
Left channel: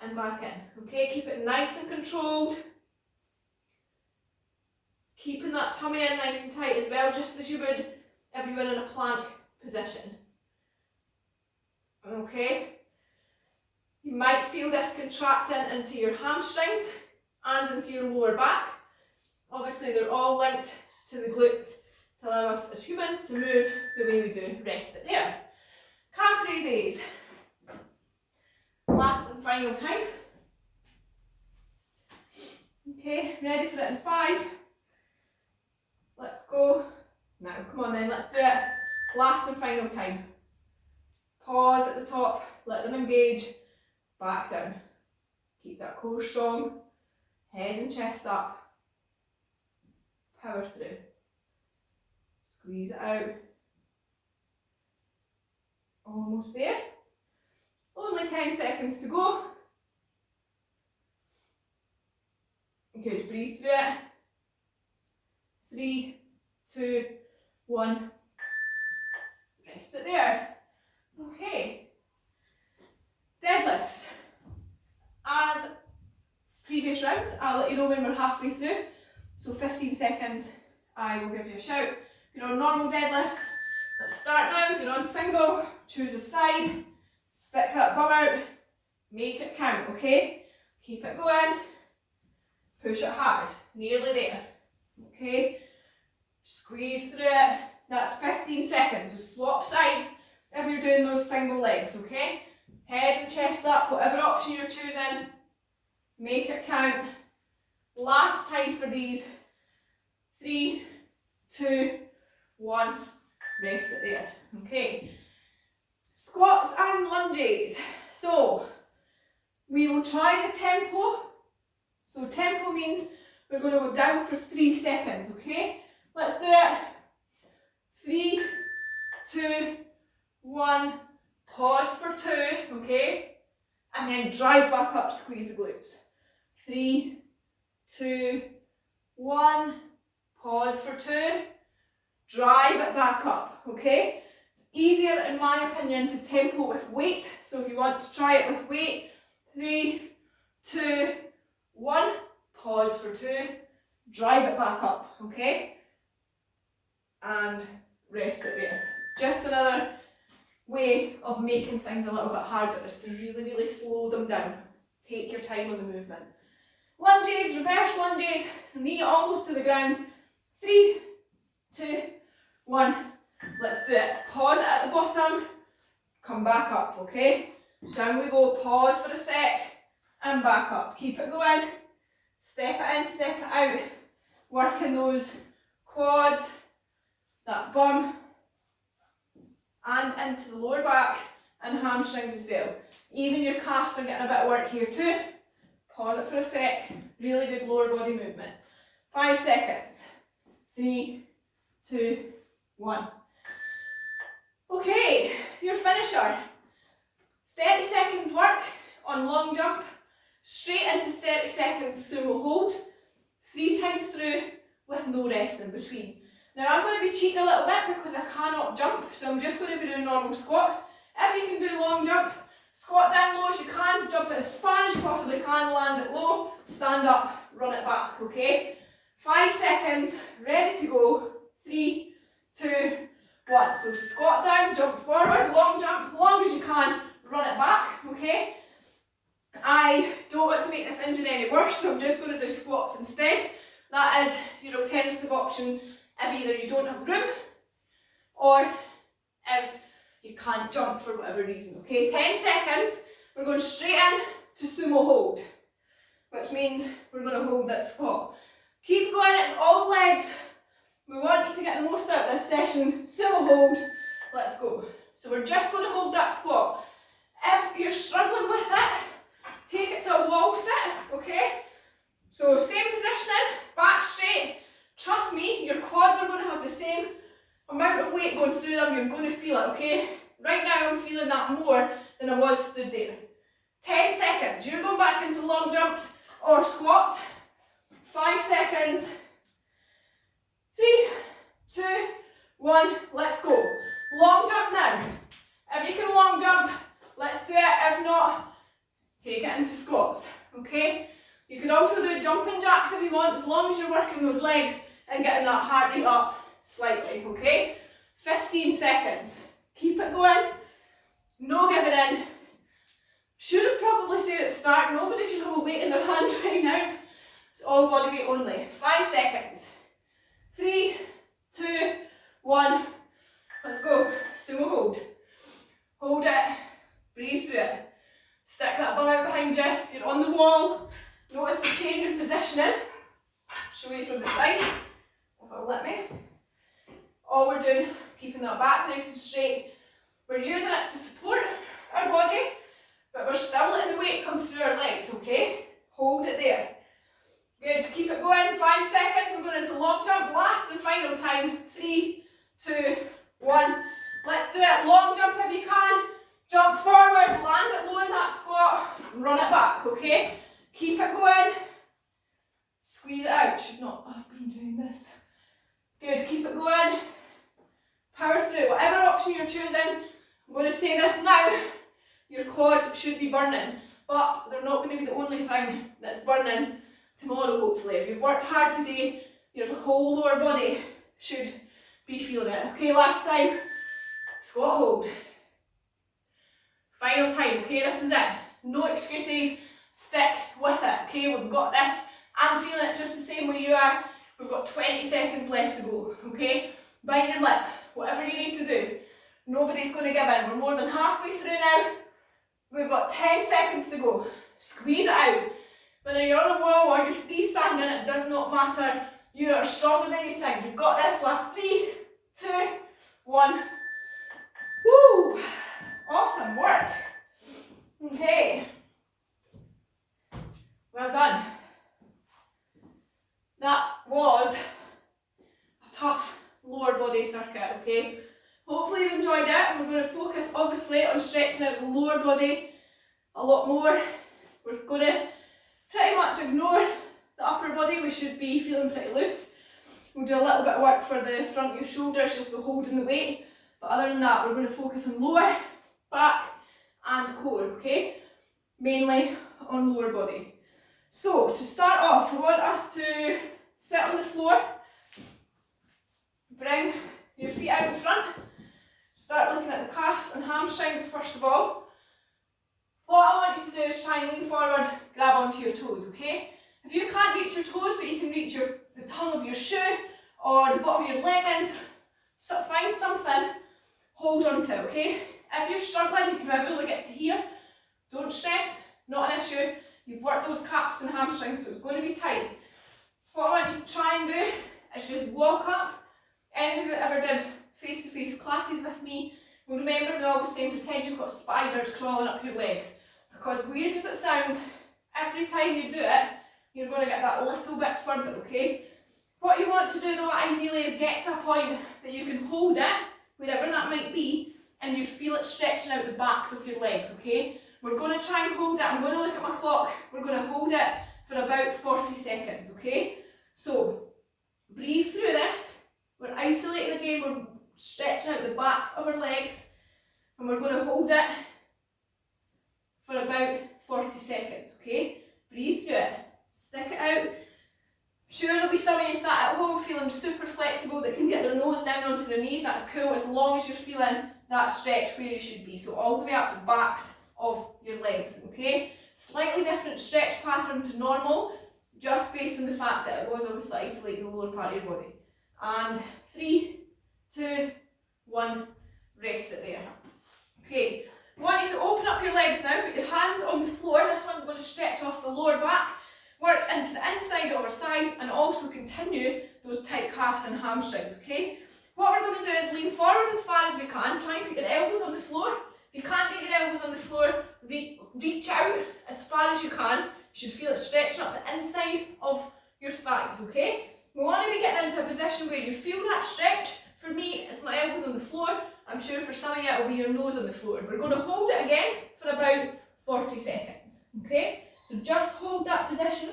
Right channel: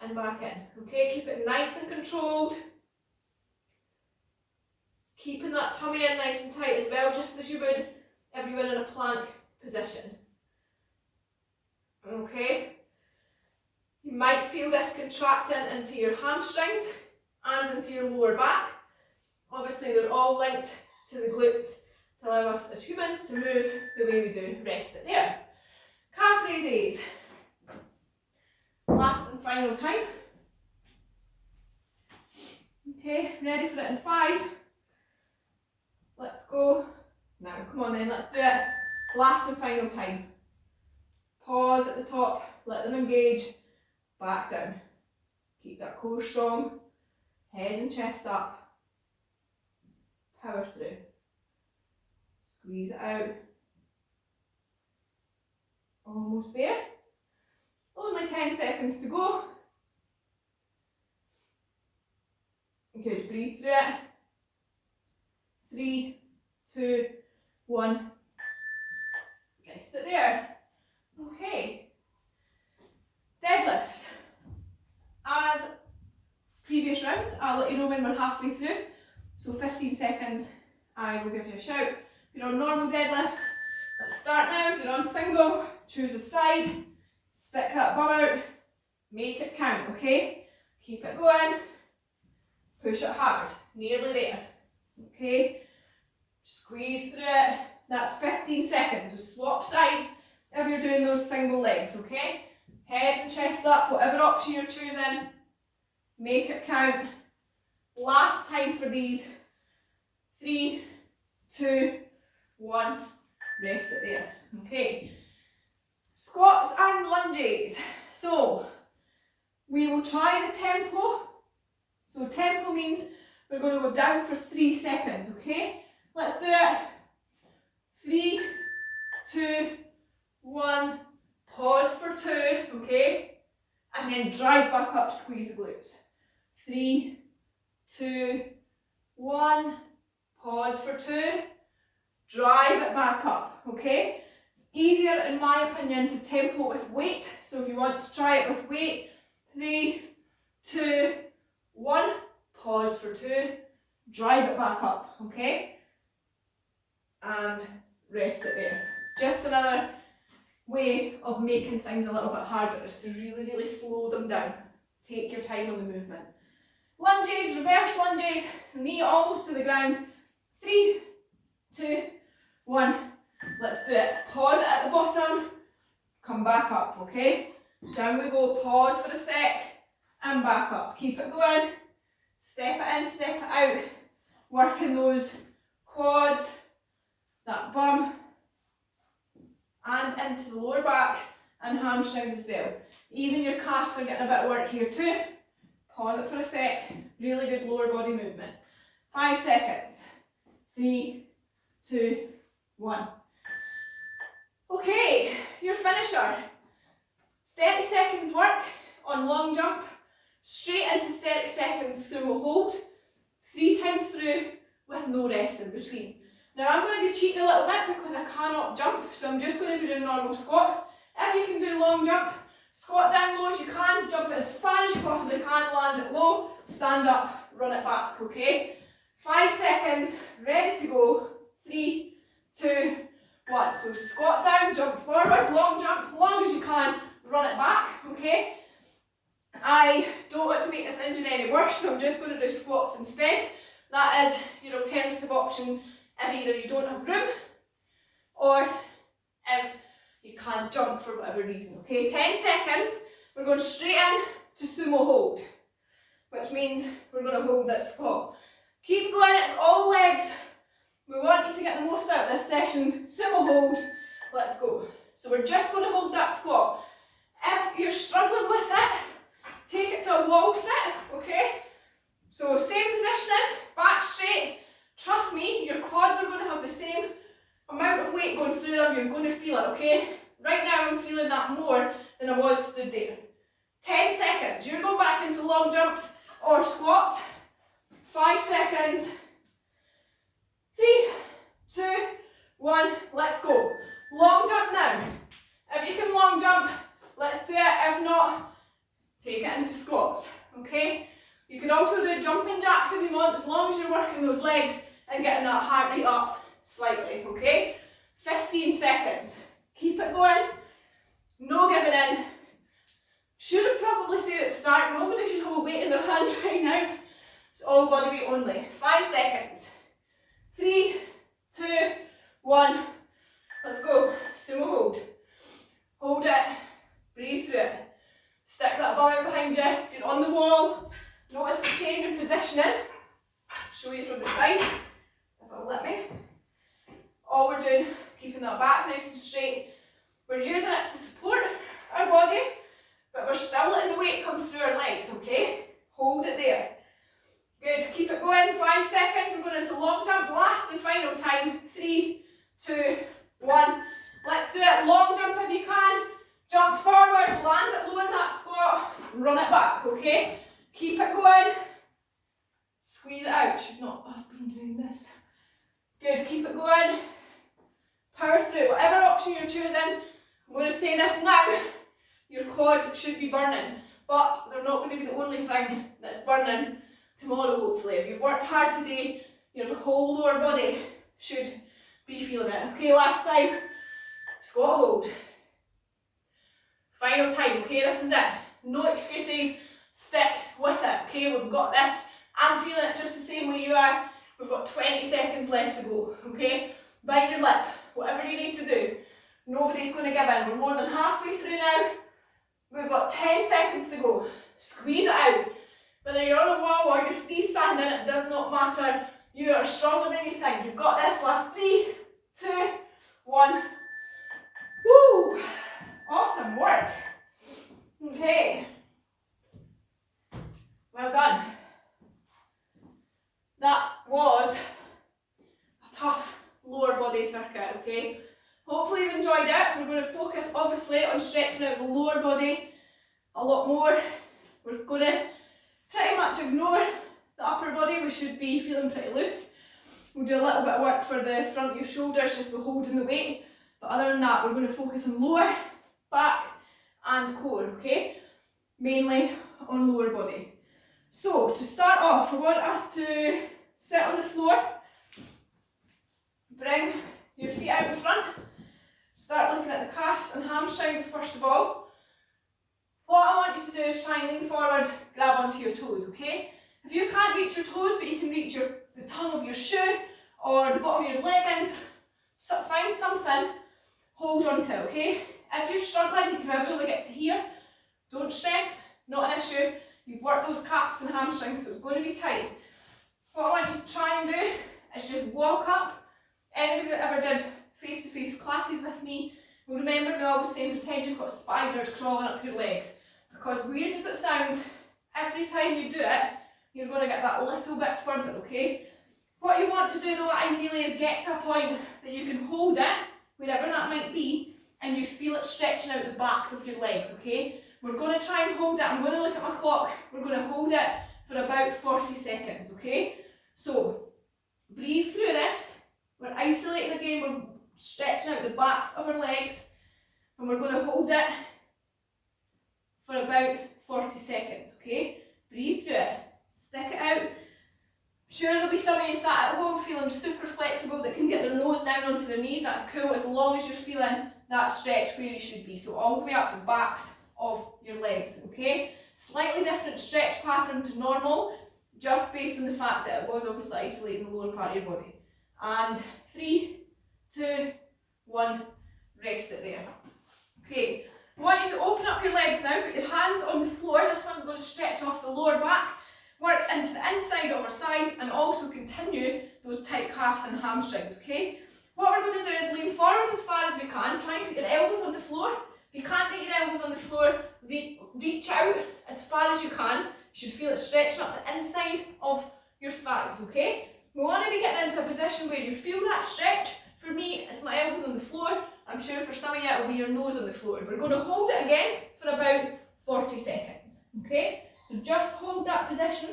and back in, okay? Keep it nice and controlled. Keeping that tummy in nice and tight as well, just as you would if you were in a plank position. Okay? You might feel this contracting into your hamstrings and into your lower back. Obviously, they're all linked to the glutes to allow us as humans to move the way we do. Rest it there. Calf raises. Last and final time. Okay, ready for it in 5. Let's go. Now, come on then, let's do it. Last and final time. Pause at the top, let them engage, back down. Keep that core strong, head and chest up. Power through. Squeeze it out. Almost there. Only 10 seconds to go. Good, breathe through it. 3, 2, 1. Rest it there. Okay. Deadlift. As previous rounds, I'll let you know when we're halfway through. So 15 seconds, I will give you a shout. If you're on normal deadlifts, let's start now. If you're on single, choose a side, stick that bum out, make it count, okay? Keep it going, push it hard, nearly there, okay? Squeeze through it. That's 15 seconds, so swap sides if you're doing those single legs, okay? Head and chest up, whatever option you're choosing, make it count. Last time for these. 3, 2, 1, rest it there. Okay. Squats and lunges. So we will try the tempo. So tempo means we're going to go down for 3 seconds, okay? Let's do it. 3, 2, 1, pause for 2, okay? And then drive back up, squeeze the glutes. 3, 2, 1, pause for 2, drive it back up, okay? It's easier, in my opinion, to tempo with weight. So if you want to try it with weight, 3, 2, 1, pause for 2, drive it back up, okay? And rest it there. Just another way of making things a little bit harder is to really, really slow them down. Take your time on the movement. Lunges, reverse lunges, knee almost to the ground. 3, 2, 1, let's do it. Pause it at the bottom, come back up, okay? Down we go, pause for a sec, and back up. Keep it going, step it in, step it out. Working those quads, that bum, and into the lower back and hamstrings as well. Even your calves are getting a bit of work here too. Pause it for a sec, really good lower body movement. 5 seconds. 3, 2, 1. Okay, your finisher. 30 seconds work on long jump, straight into 30 seconds sumo hold, 3 times through with no rest in between. Now I'm going to be cheating a little bit because I cannot jump, so I'm just going to be doing normal squats. If you can do long jump, squat down low as you can, jump it as far as you possibly can, land it low, stand up, run it back, okay? 5 seconds, ready to go. 3, 2, 1. So squat down, jump forward, long jump, long as you can, run it back, okay? I don't want to make this injury any worse, so I'm just going to do squats instead. That is your alternative option if either you don't have room or if you can't jump for whatever reason, okay? 10 seconds, we're going straight in to sumo hold, which means we're going to hold that squat. Keep going, it's all legs. We want you to get the most out of this session. Sumo hold, let's go. So we're just going to hold that squat. If you're struggling with it, take it to a wall sit, okay? So same positioning, back straight. Trust me, your quads are going to have the same amount of weight going through them. You're going to feel it, okay? Right now I'm feeling that more than I was stood there. 10 seconds. You're going back into long jumps or squats. 5 seconds. 3, 2, 1, let's go. Long jump now. If you can long jump, let's do it. If not, take it into squats, okay? You can also do jumping jacks if you want, as long as you're working those legs and getting that heart rate up slightly, okay? 15 seconds. Keep it going. No giving in. Should have probably said at the start, nobody should have a weight in their hand right now. It's all body weight only. 5 seconds. 3, 2, 1. Let's go. Sumo hold. Hold it. Breathe through it. Stick that bum out behind you. If you're on the wall, notice the change in positioning. Show you from the side, if it'll let me. All we're doing, keeping that back nice and straight. We're using it to support our body, but we're still letting the weight come through our legs, okay? Hold it there. Good, keep it going, 5 seconds. We're going into long jump, last and final time. 3, 2, 1. Let's do it. Long jump if you can. Jump forward, land it low in that squat, run it back, okay? Keep it going. Squeeze it out. Should not have been doing this. Good, keep it going. Power through. Whatever option you're choosing, I'm going to say this now, your quads should be burning, but they're not going to be the only thing that's burning tomorrow, hopefully. If you've worked hard today, your whole lower body should be feeling it. Okay, last time, squat hold. Final time, okay, this is it. No excuses, stick with it, okay, we've got this. I'm feeling it just the same way you are. We've got 20 seconds left to go, okay? Bite your lip, whatever you need to do. Nobody's going to give in. We're more than halfway through now. We've got 10 seconds to go. Squeeze it out. Whether you're on a wall or you're freestanding, it does not matter. You are stronger than you think. You've got this. Last 3, 2, 1. Woo! Awesome work. Okay. Well done. That was a tough lower body circuit, okay? Hopefully you've enjoyed it. We're going to focus obviously on stretching out the lower body a lot more. We're going to pretty much ignore the upper body. We should be feeling pretty loose. We'll do a little bit of work for the front of your shoulders just by holding the weight. But other than that, we're going to focus on lower, back and core, okay? Mainly on lower body. So to start off, I want us to sit on the floor. Bring your feet out in front. Start looking at the calves and hamstrings first of all. What I want you to do is try and lean forward, grab onto your toes, okay? If you can't reach your toes, but you can reach the tongue of your shoe or the bottom of your leggings, so find something, hold on to, okay? If you're struggling, you can maybe only get to here. Don't stress, not an issue. You've worked those calves and hamstrings, so it's going to be tight. What I want you to try and do is just walk up. Anybody that ever did face-to-face classes with me will remember me always saying pretend you've got spiders crawling up your legs. Because weird as it sounds, every time you do it, you're going to get that little bit further, okay? What you want to do though, ideally, is get to a point that you can hold it, wherever that might be, and you feel it stretching out the backs of your legs, okay? We're going to try and hold it. I'm going to look at my clock. We're going to hold it for about 40 seconds, okay? So, breathe through this. We're isolating again. We're stretching out the backs of our legs. And we're going to hold it for about 40 seconds, okay? Breathe through it. Stick it out. Sure, there'll be some of you sat at home feeling super flexible that can get their nose down onto their knees. That's cool, as long as you're feeling that stretch where you should be. So all the way up the backs of your legs, okay? Slightly different stretch pattern to normal, just based on the fact that it was obviously isolating the lower part of your body. And 3, 2, 1, rest it there. Okay, I want you to open up your legs now, put your hands on the floor. This one's going to stretch off the lower back, work into the inside of our thighs, and also continue those tight calves and hamstrings, okay? What we're going to do is lean forward as far as we can. Try and put your elbows on the floor. If you can't get your elbows on the floor, reach out as far as you can. You should feel it stretching up the inside of your thighs, okay? We want to be getting into a position where you feel that stretch. For me, it's my elbows on the floor. I'm sure for some of you it'll be your nose on the floor. We're going to hold it again for about 40 seconds, okay? So just hold that position.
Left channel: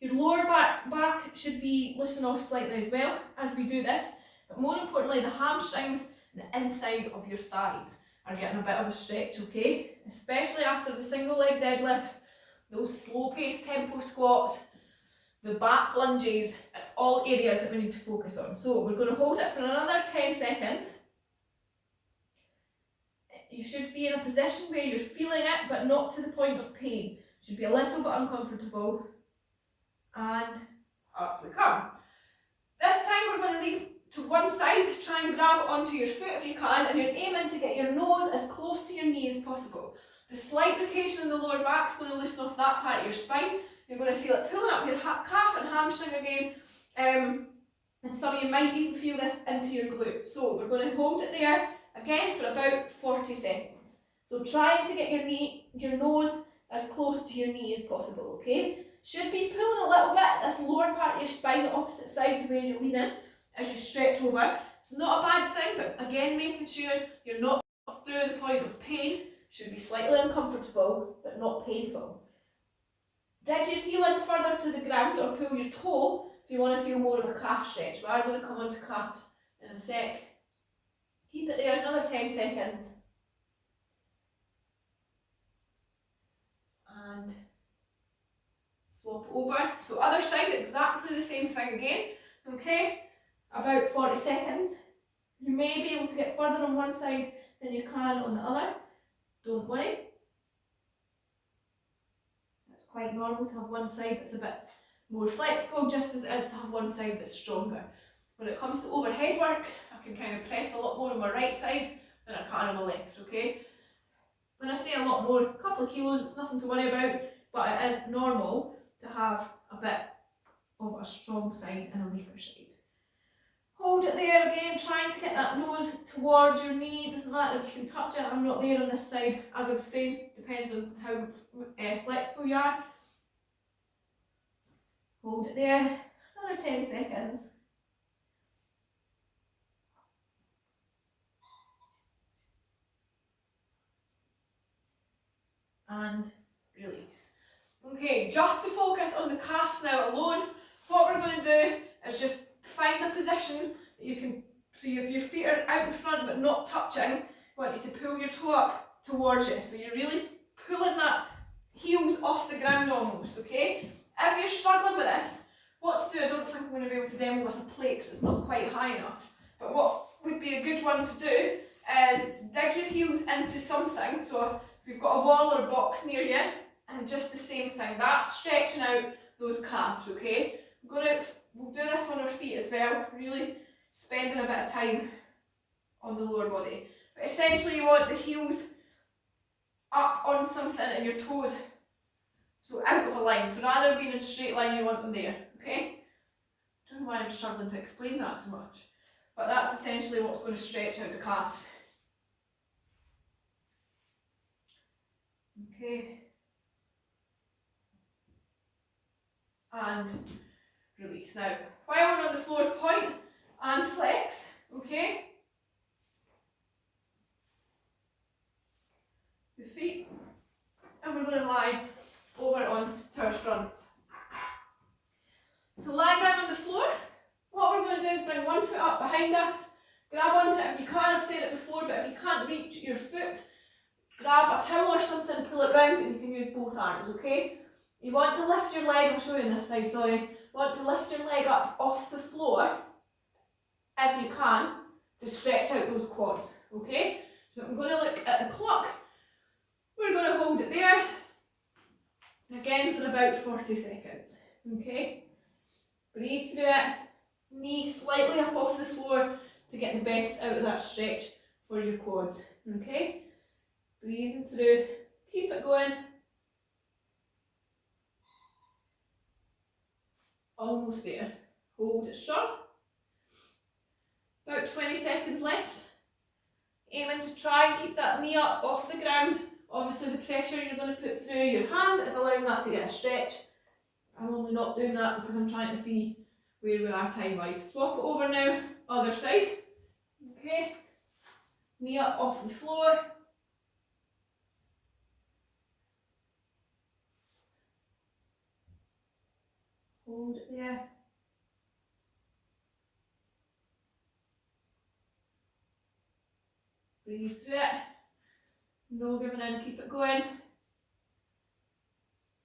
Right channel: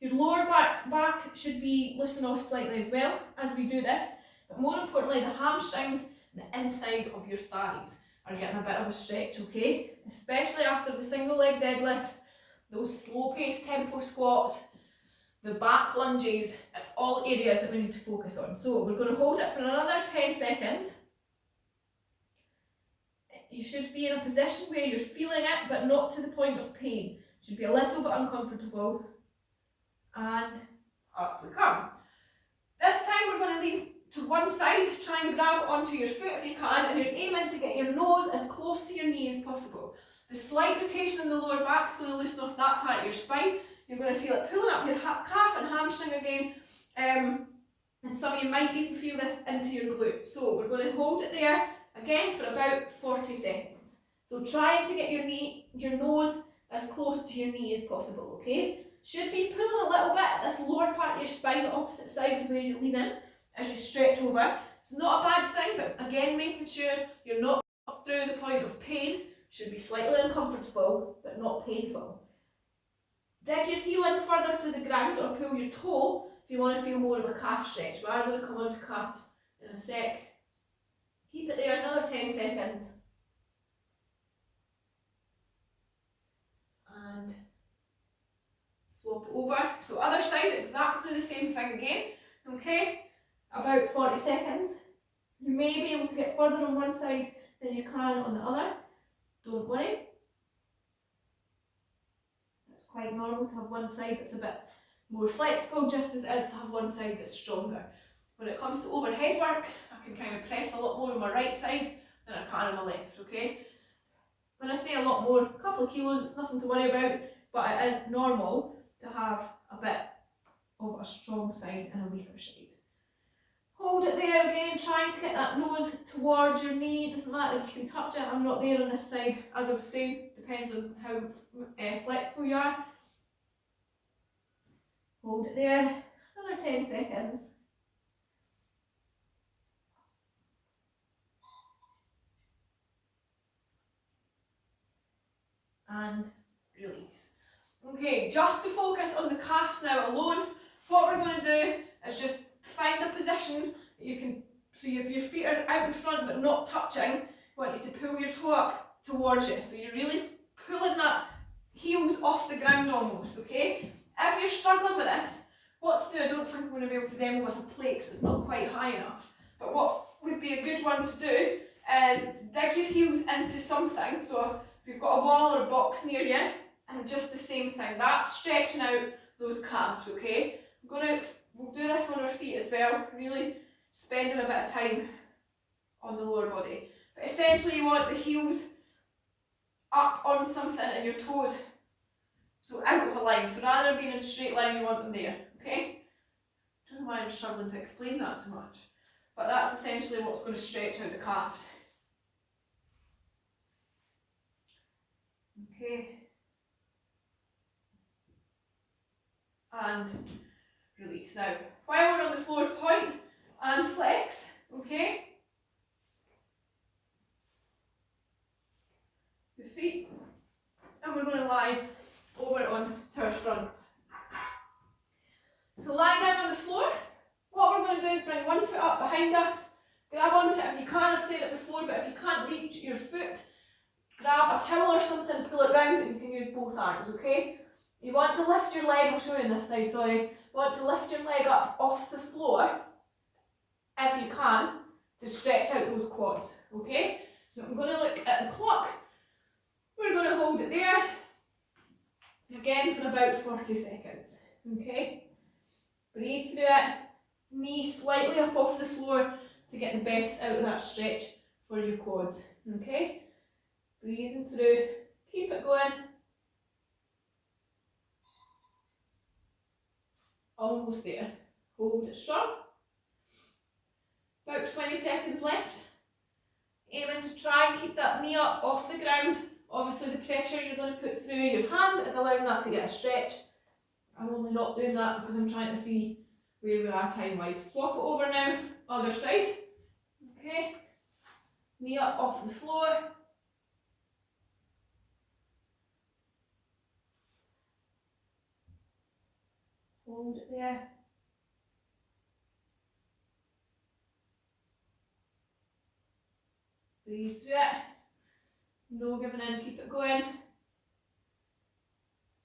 Your lower back should be loosened off slightly as well as we do this. But more importantly, the hamstrings and the inside of your thighs are getting a bit of a stretch, okay? Especially after the single leg deadlifts, those slow paced tempo squats, the back lunges, it's all areas that we need to focus on. So we're going to hold it for another 10 seconds. You should be in a position where you're feeling it, but not to the point of pain. Should be a little bit uncomfortable. And up we come. This time we're going to leave to one side, try and grab onto your foot if you can, and you're aiming to get your nose as close to your knee as possible. The slight rotation in the lower back is going to loosen off that part of your spine. You're going to feel it pulling up your calf and hamstring again, and some of you might even feel this into your glute. So we're going to hold it there again for about 40 seconds. So trying to get your nose as close to your knee as possible, okay? Should be pulling a little bit at this lower part of your spine, the opposite side to where you lean in as you stretch over. It's not a bad thing, but again, making sure you're not through the point of pain. Should be slightly uncomfortable, but not painful. Dig your heel in further to the ground or pull your toe if you want to feel more of a calf stretch. We are going to come on to calves in a sec. Keep it there, another 10 seconds. And swap over. So other side, exactly the same thing again. Okay, about 40 seconds. You may be able to get further on one side than you can on the other. Don't worry. It's quite normal to have one side that's a bit more flexible, just as it is to have one side that's stronger. When it comes to overhead work, I can kind of press a lot more on my right side than I can on my left, okay? When I say a lot more, a couple of kilos, it's nothing to worry about, but it is normal to have a bit of a strong side and a weaker side. Hold it there again, trying to get that nose towards your knee. Doesn't matter if you can touch it, I'm not there on this side. As I was saying, depends on how flexible you are. Hold it there, another 10 seconds. And release. Okay, just to focus on the calves now alone, what we're going to do is just find a position that you can, so your feet are out in front but not touching. I want you to pull your toe up towards you, so you're really pulling that heels off the ground almost, okay? If you're struggling with this, what to do, I don't think I'm going to be able to demo with a plate because it's not quite high enough, but what would be a good one to do is to dig your heels into something. So if you've got a wall or a box near you, and just the same thing, that's stretching out those calves, okay? We'll do this on our feet as well, really spending a bit of time on the lower body. But essentially you want the heels up on something and your toes so out of a line. So rather than being in a straight line, you want them there, okay? I don't know why I'm struggling to explain that so much, but that's essentially what's going to stretch out the calves. Okay. And release. Now, while we're on the floor, point and flex, okay? The feet, and we're going to lie over on to our fronts. So lie down on the floor. What we're going to do is bring one foot up behind us, grab onto it if you can. I've said it before, but if you can't reach your foot, grab a towel or something, pull it round, and you can use both arms, okay? You want to lift your leg, I'm showing this side, sorry. You want to lift your leg up off the floor, if you can, to stretch out those quads, okay? So I'm going to look at the clock. We're going to hold it there, again for about 40 seconds, okay? Breathe through it, knee slightly up off the floor to get the best out of that stretch for your quads, okay? Breathing through, keep it going. Almost there. Hold it strong. About 20 seconds left. Aiming to try and keep that knee up off the ground. Obviously the pressure you're going to put through your hand is allowing that to get a stretch. I'm only not doing that because I'm trying to see where we are time wise. Swap it over now, other side. Okay. Knee up off the floor. Hold it there. Breathe through it. No giving in, keep it going.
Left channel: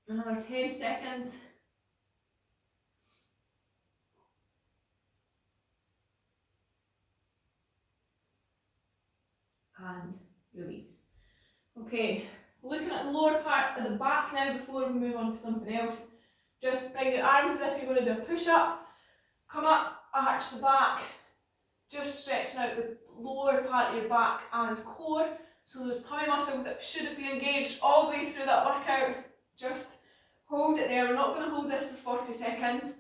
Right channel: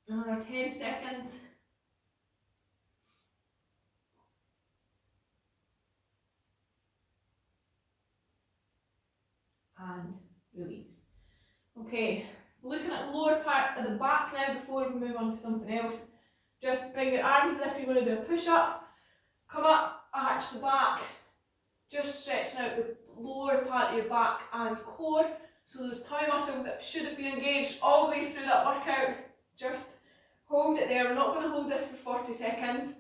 Another 10 seconds. And release. Okay, looking at the lower part of the back now before we move on to something else. Just bring your arms as if you're going to do a push-up. Come up, arch the back. Just stretching out the lower part of your back and core. So those tummy muscles that should have been engaged all the way through that workout. Just hold it there. We're not going to hold this for 40 seconds.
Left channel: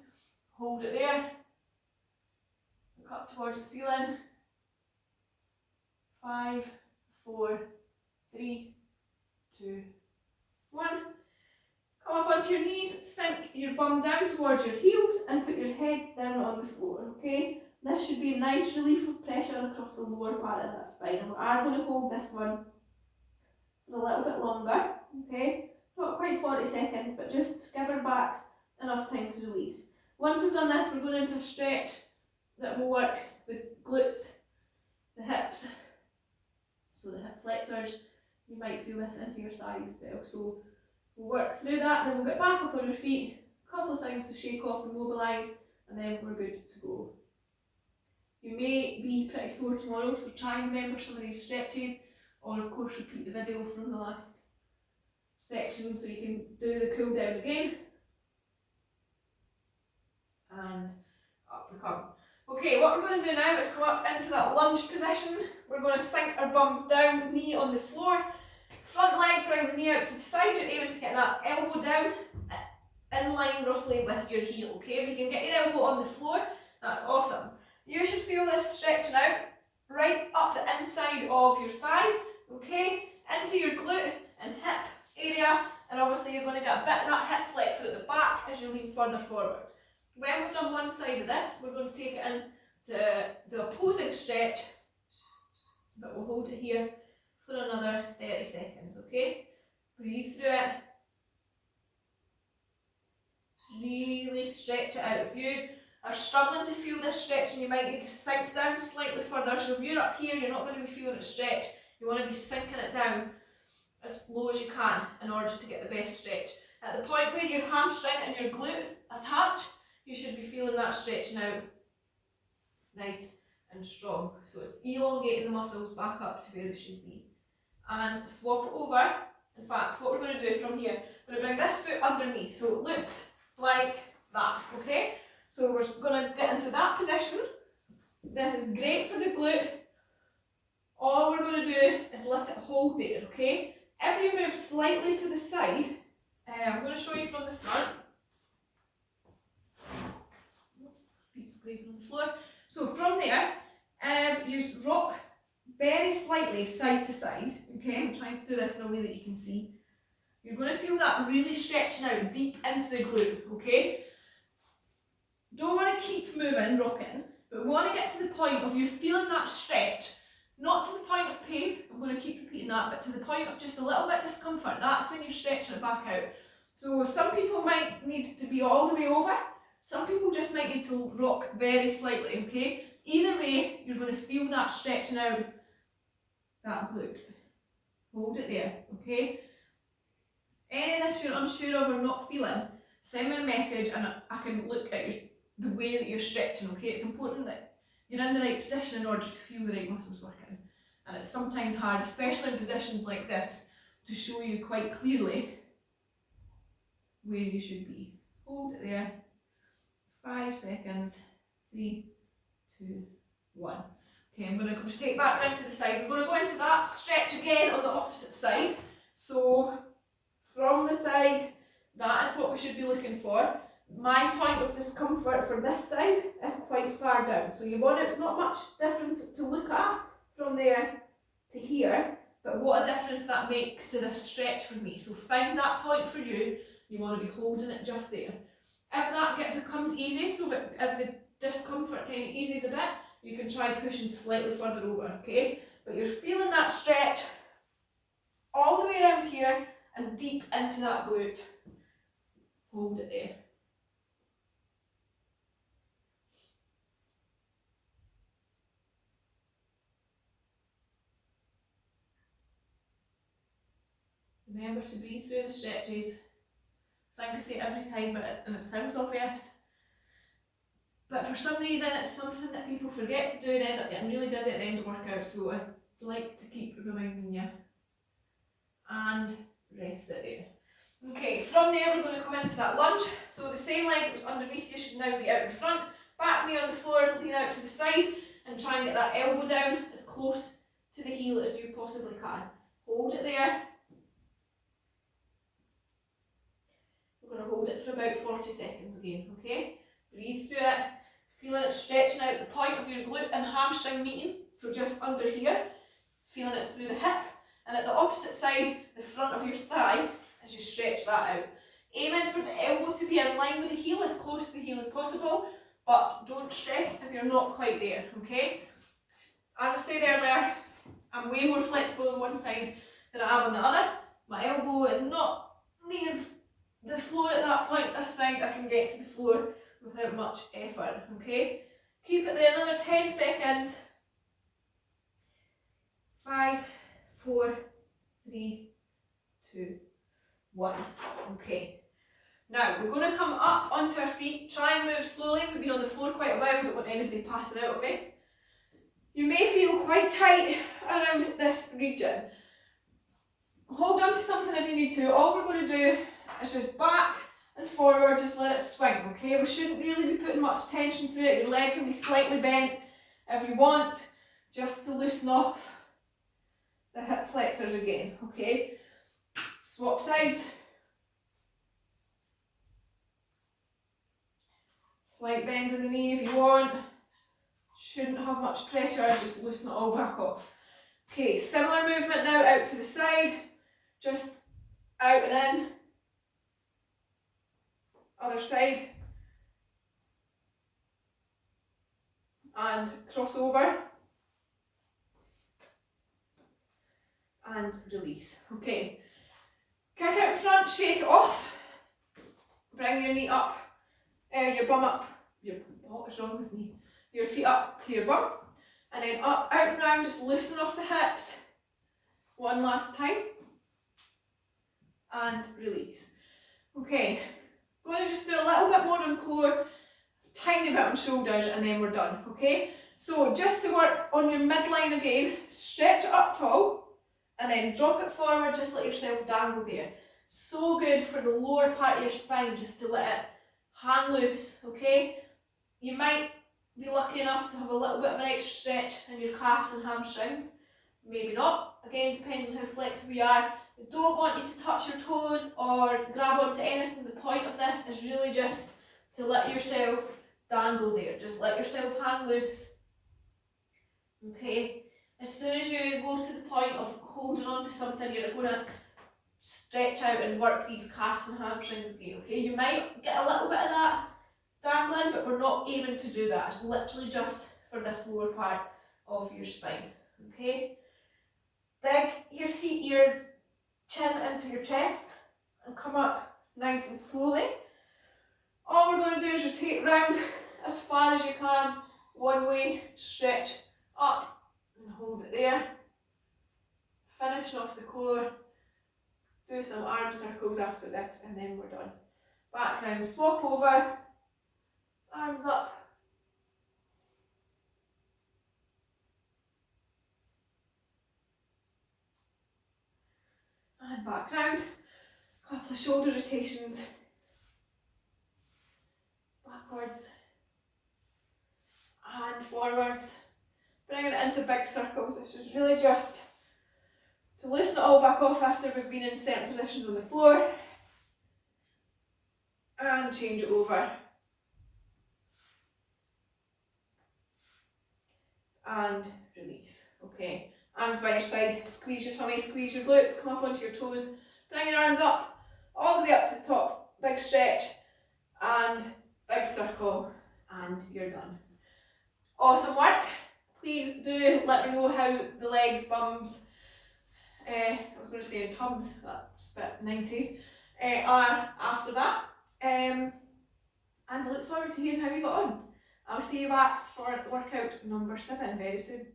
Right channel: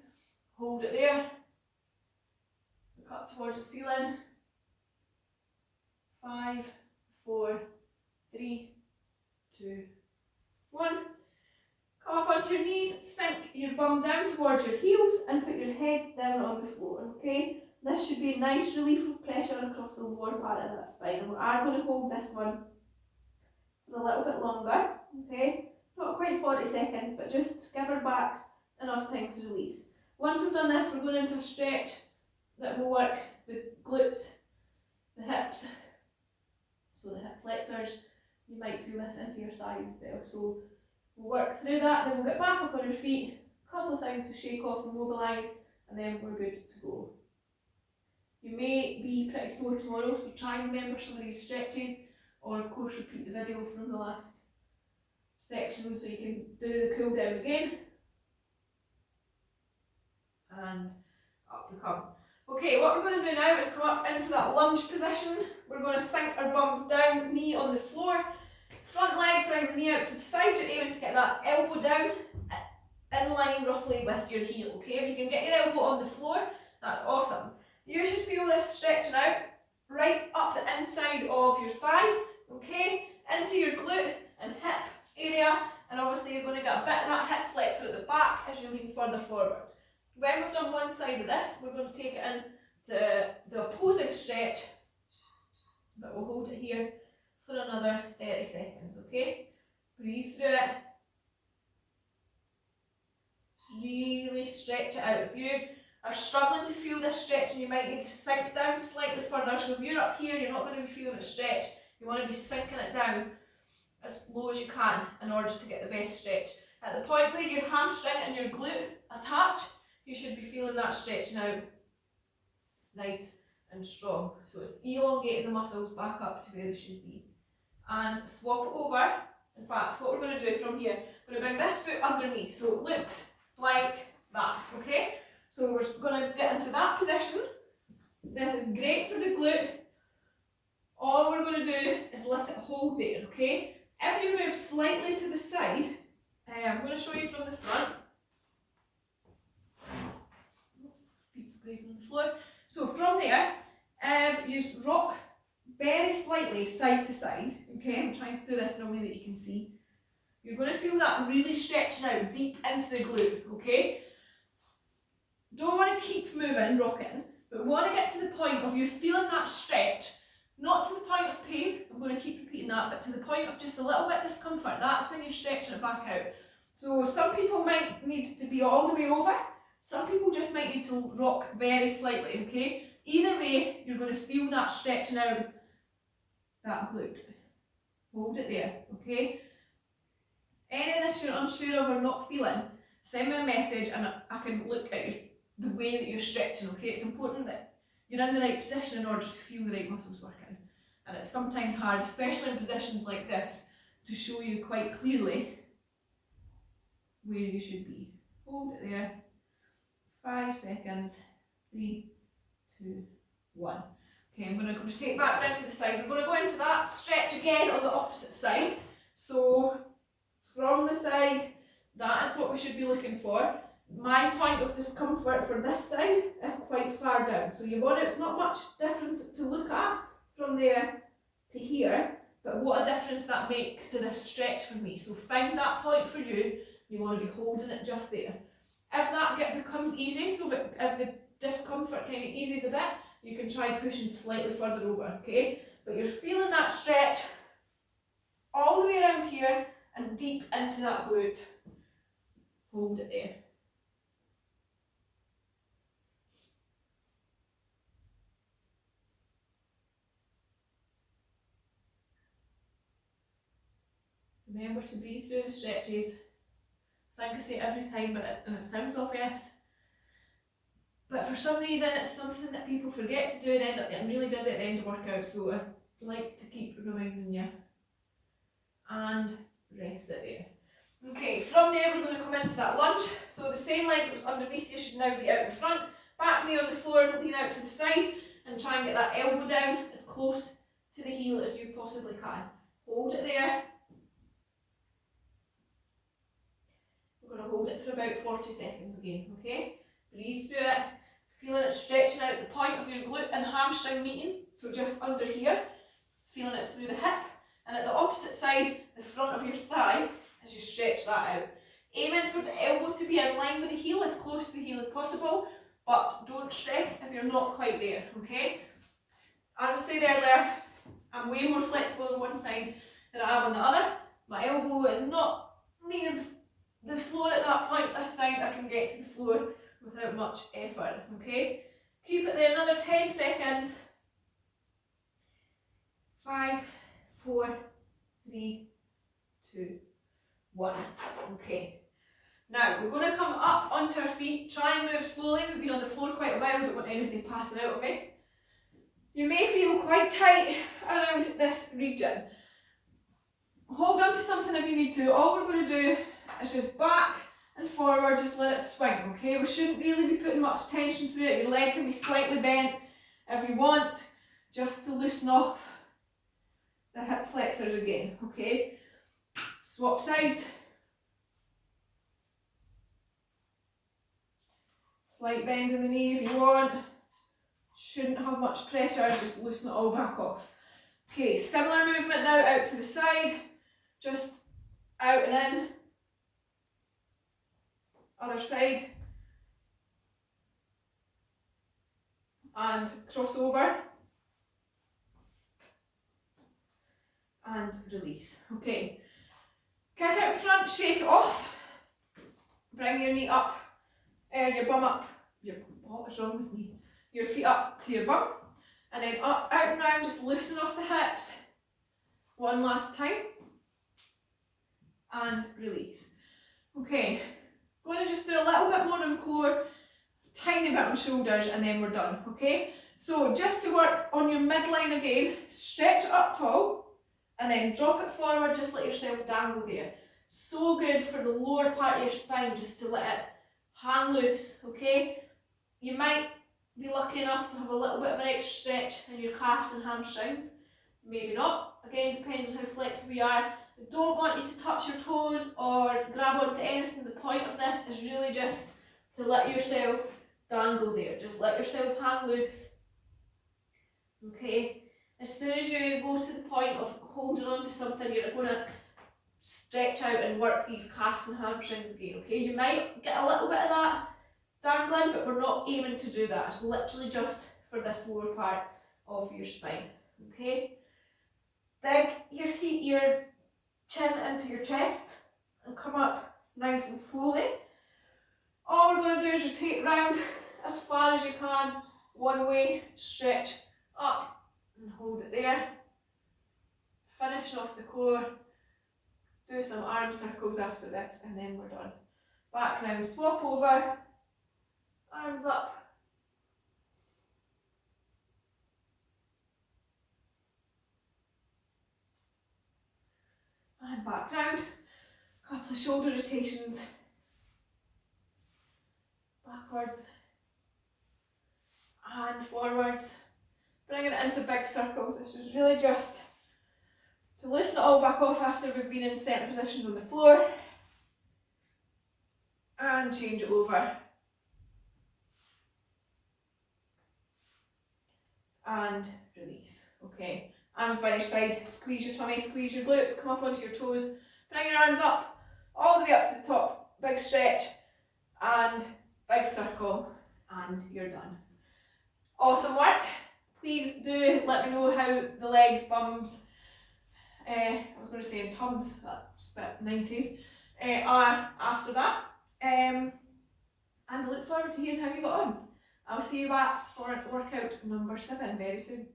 Hold it there. Look up towards the ceiling. 5, 4, 3, 2, 1. Come up onto your knees, sink your bum down towards your heels and put your head down on the floor, okay? This should be a nice relief of pressure across the lower part of that spine, and we are going to hold this one for a little bit longer, okay? Not quite 40 seconds, but just give our backs enough time to release. Once we've done this, we're going into a stretch that will work the glutes, the hips, so the hip flexors. You might feel this into your thighs as well. So we'll work through that, then we'll get back up on your feet, a couple of things to shake off and mobilise, and then we're good to go. You may be pretty sore tomorrow, so try and remember some of these stretches, or of course repeat the video from the last section so you can do the cool down again. And up we come. Okay, what we're going to do now is come up into that lunge position. We're going to sink our bums down, knee on the floor. Front leg, bring the knee out to the side. You're aiming to get that elbow down in line roughly with your heel, okay? If you can get your elbow on the floor, that's awesome. You should feel this stretching out right up the inside of your thigh, okay? Into your glute and hip area, and obviously you're going to get a bit of that hip flexor at the back as you lean further forward. When we've done one side of this, we're going to take it into the opposing stretch, but we'll hold it here for another 30 seconds, okay? Breathe through it. Really stretch it out. If you are struggling to feel this stretch, and you might need to sink down slightly further, so if you're up here, you're not going to be feeling it stretch. You want to be sinking it down as low as you can in order to get the best stretch. At the point where your hamstring and your glute attach, you should be feeling that stretching out nice and strong. So it's elongating the muscles back up to where they should be. And swap it over. In fact, what we're going to do from here, we're going to bring this foot underneath so it looks like that, okay? So we're going to get into that position. This is great for the glute. All we're going to do is let it hold there, okay? If you move slightly to the side, I'm going to show you from the front. Feet scraping on the floor. So from there, you rock very slightly side to side, okay? I'm trying to do this in a way that you can see. You're going to feel that really stretching out deep into the glute, okay? Don't want to keep moving, rocking, but we want to get to the point of you feeling that stretch, not to the point of pain, I'm going to keep repeating that, but to the point of just a little bit discomfort. That's when you're stretching it back out. So some people might need to be all the way over, some people just might need to rock very slightly, okay? Either way, you're going to feel that stretching out that glute. Hold it there, okay? Any of this you're unsure of or not feeling, send me a message and I can look at the way that you're stretching, okay? It's important that you're in the right position in order to feel the right muscles working. And it's sometimes hard, especially in positions like this, to show you quite clearly where you should be. Hold it there. 5 seconds. 3, 2, 1. Okay, I'm going to take back down to the side. We're going to go into that stretch again on the opposite side. So from the side, that is what we should be looking for. My point of discomfort for this side is quite far down. So you want it's not much difference to look at from there to here, but what a difference that makes to this stretch for me. So find that point for you. You want to be holding it just there. If that becomes easy, so if the discomfort kind of eases a bit, you can try pushing slightly further over, okay? But you're feeling that stretch all the way around here and deep into that glute. Hold it there. Remember to breathe through the stretches. I think I say it every time, and it sounds obvious. But for some reason, it's something that people forget to do and end up getting really dizzy at the end of workout, so I like to keep reminding you. And rest it there. Okay, from there we're going to come into that lunge. So the same leg that was underneath you should now be out in front. Back knee on the floor, lean out to the side, and try and get that elbow down as close to the heel as you possibly can. Hold it there. We're going to hold it for about 40 seconds again, okay? Breathe through it, feeling it stretching out the point of your glute and hamstring meeting, so just under here, feeling it through the hip And at the opposite side, the front of your thigh, as you stretch that out. Aiming for the elbow to be in line with the heel, as close to the heel as possible, but don't stress if you're not quite there, okay? As I said earlier, I'm way more flexible on one side than I am on the other. My elbow is not near the floor at that point. This side I can get to the floor without much effort, okay? Keep it there another 10 seconds. 5, 4, 3, 2, 1. Okay. Now we're going to come up onto our feet. Try and move slowly. We've been on the floor quite a while. I don't want anybody passing out on me. You may feel quite tight around this region. Hold on to something if you need to. All we're going to do is just back and forward, just let it swing, okay? We shouldn't really be putting much tension through it. Your leg can be slightly bent if you want, just to loosen off the hip flexors again, okay? Swap sides. Slight bend in the knee if you want. Shouldn't have much pressure, just loosen it all back off. Okay, similar movement now out to the side, just out and in. Other side. And cross over. And release. Okay. Kick out front, shake it off. Bring your knee up, your bum up. What is wrong with me? Your feet up to your bum. And then up, out and round, just loosen off the hips. One last time. And release. Okay. Going to just do a little bit more on core, tiny bit on shoulders, and then we're done, okay? So just to work on your midline again, stretch it up tall, and then drop it forward, just let yourself dangle there. So good for the lower part of your spine, just to let it hang loose, okay? You might be lucky enough to have a little bit of an extra stretch in your calves and hamstrings. Maybe not. Again, depends on how flexible you are. I don't want you to touch your toes or grab onto anything. The point of this is really just to let yourself dangle there. Just let yourself hang loose. Okay. As soon as you go to the point of holding on to something, you're going to stretch out and work these calves and hamstrings again. Okay. You might get a little bit of that dangling, but we're not aiming to do that. It's literally just for this lower part of your spine. Okay. Dig your chin into your chest and come up nice and slowly. All we're going to do is rotate round as far as you can, one way, stretch up and hold it there. Finish off the core, do some arm circles after this, and then we're done. Back round, swap over, arms up. And back round, a couple of shoulder rotations, backwards and forwards, bringing it into big circles. This is really just to loosen it all back off after we've been in certain positions on the floor, and change it over. And release. Okay. Arms by your side, squeeze your tummy, squeeze your glutes, come up onto your toes, bring your arms up, all the way up to the top, big stretch, and big circle, and you're done. Awesome work. Please do let me know how the legs, bums, I was going to say in tums, that's a bit 90s, are after that. And I look forward to hearing how you got on. I'll see you back for workout number 7 very soon.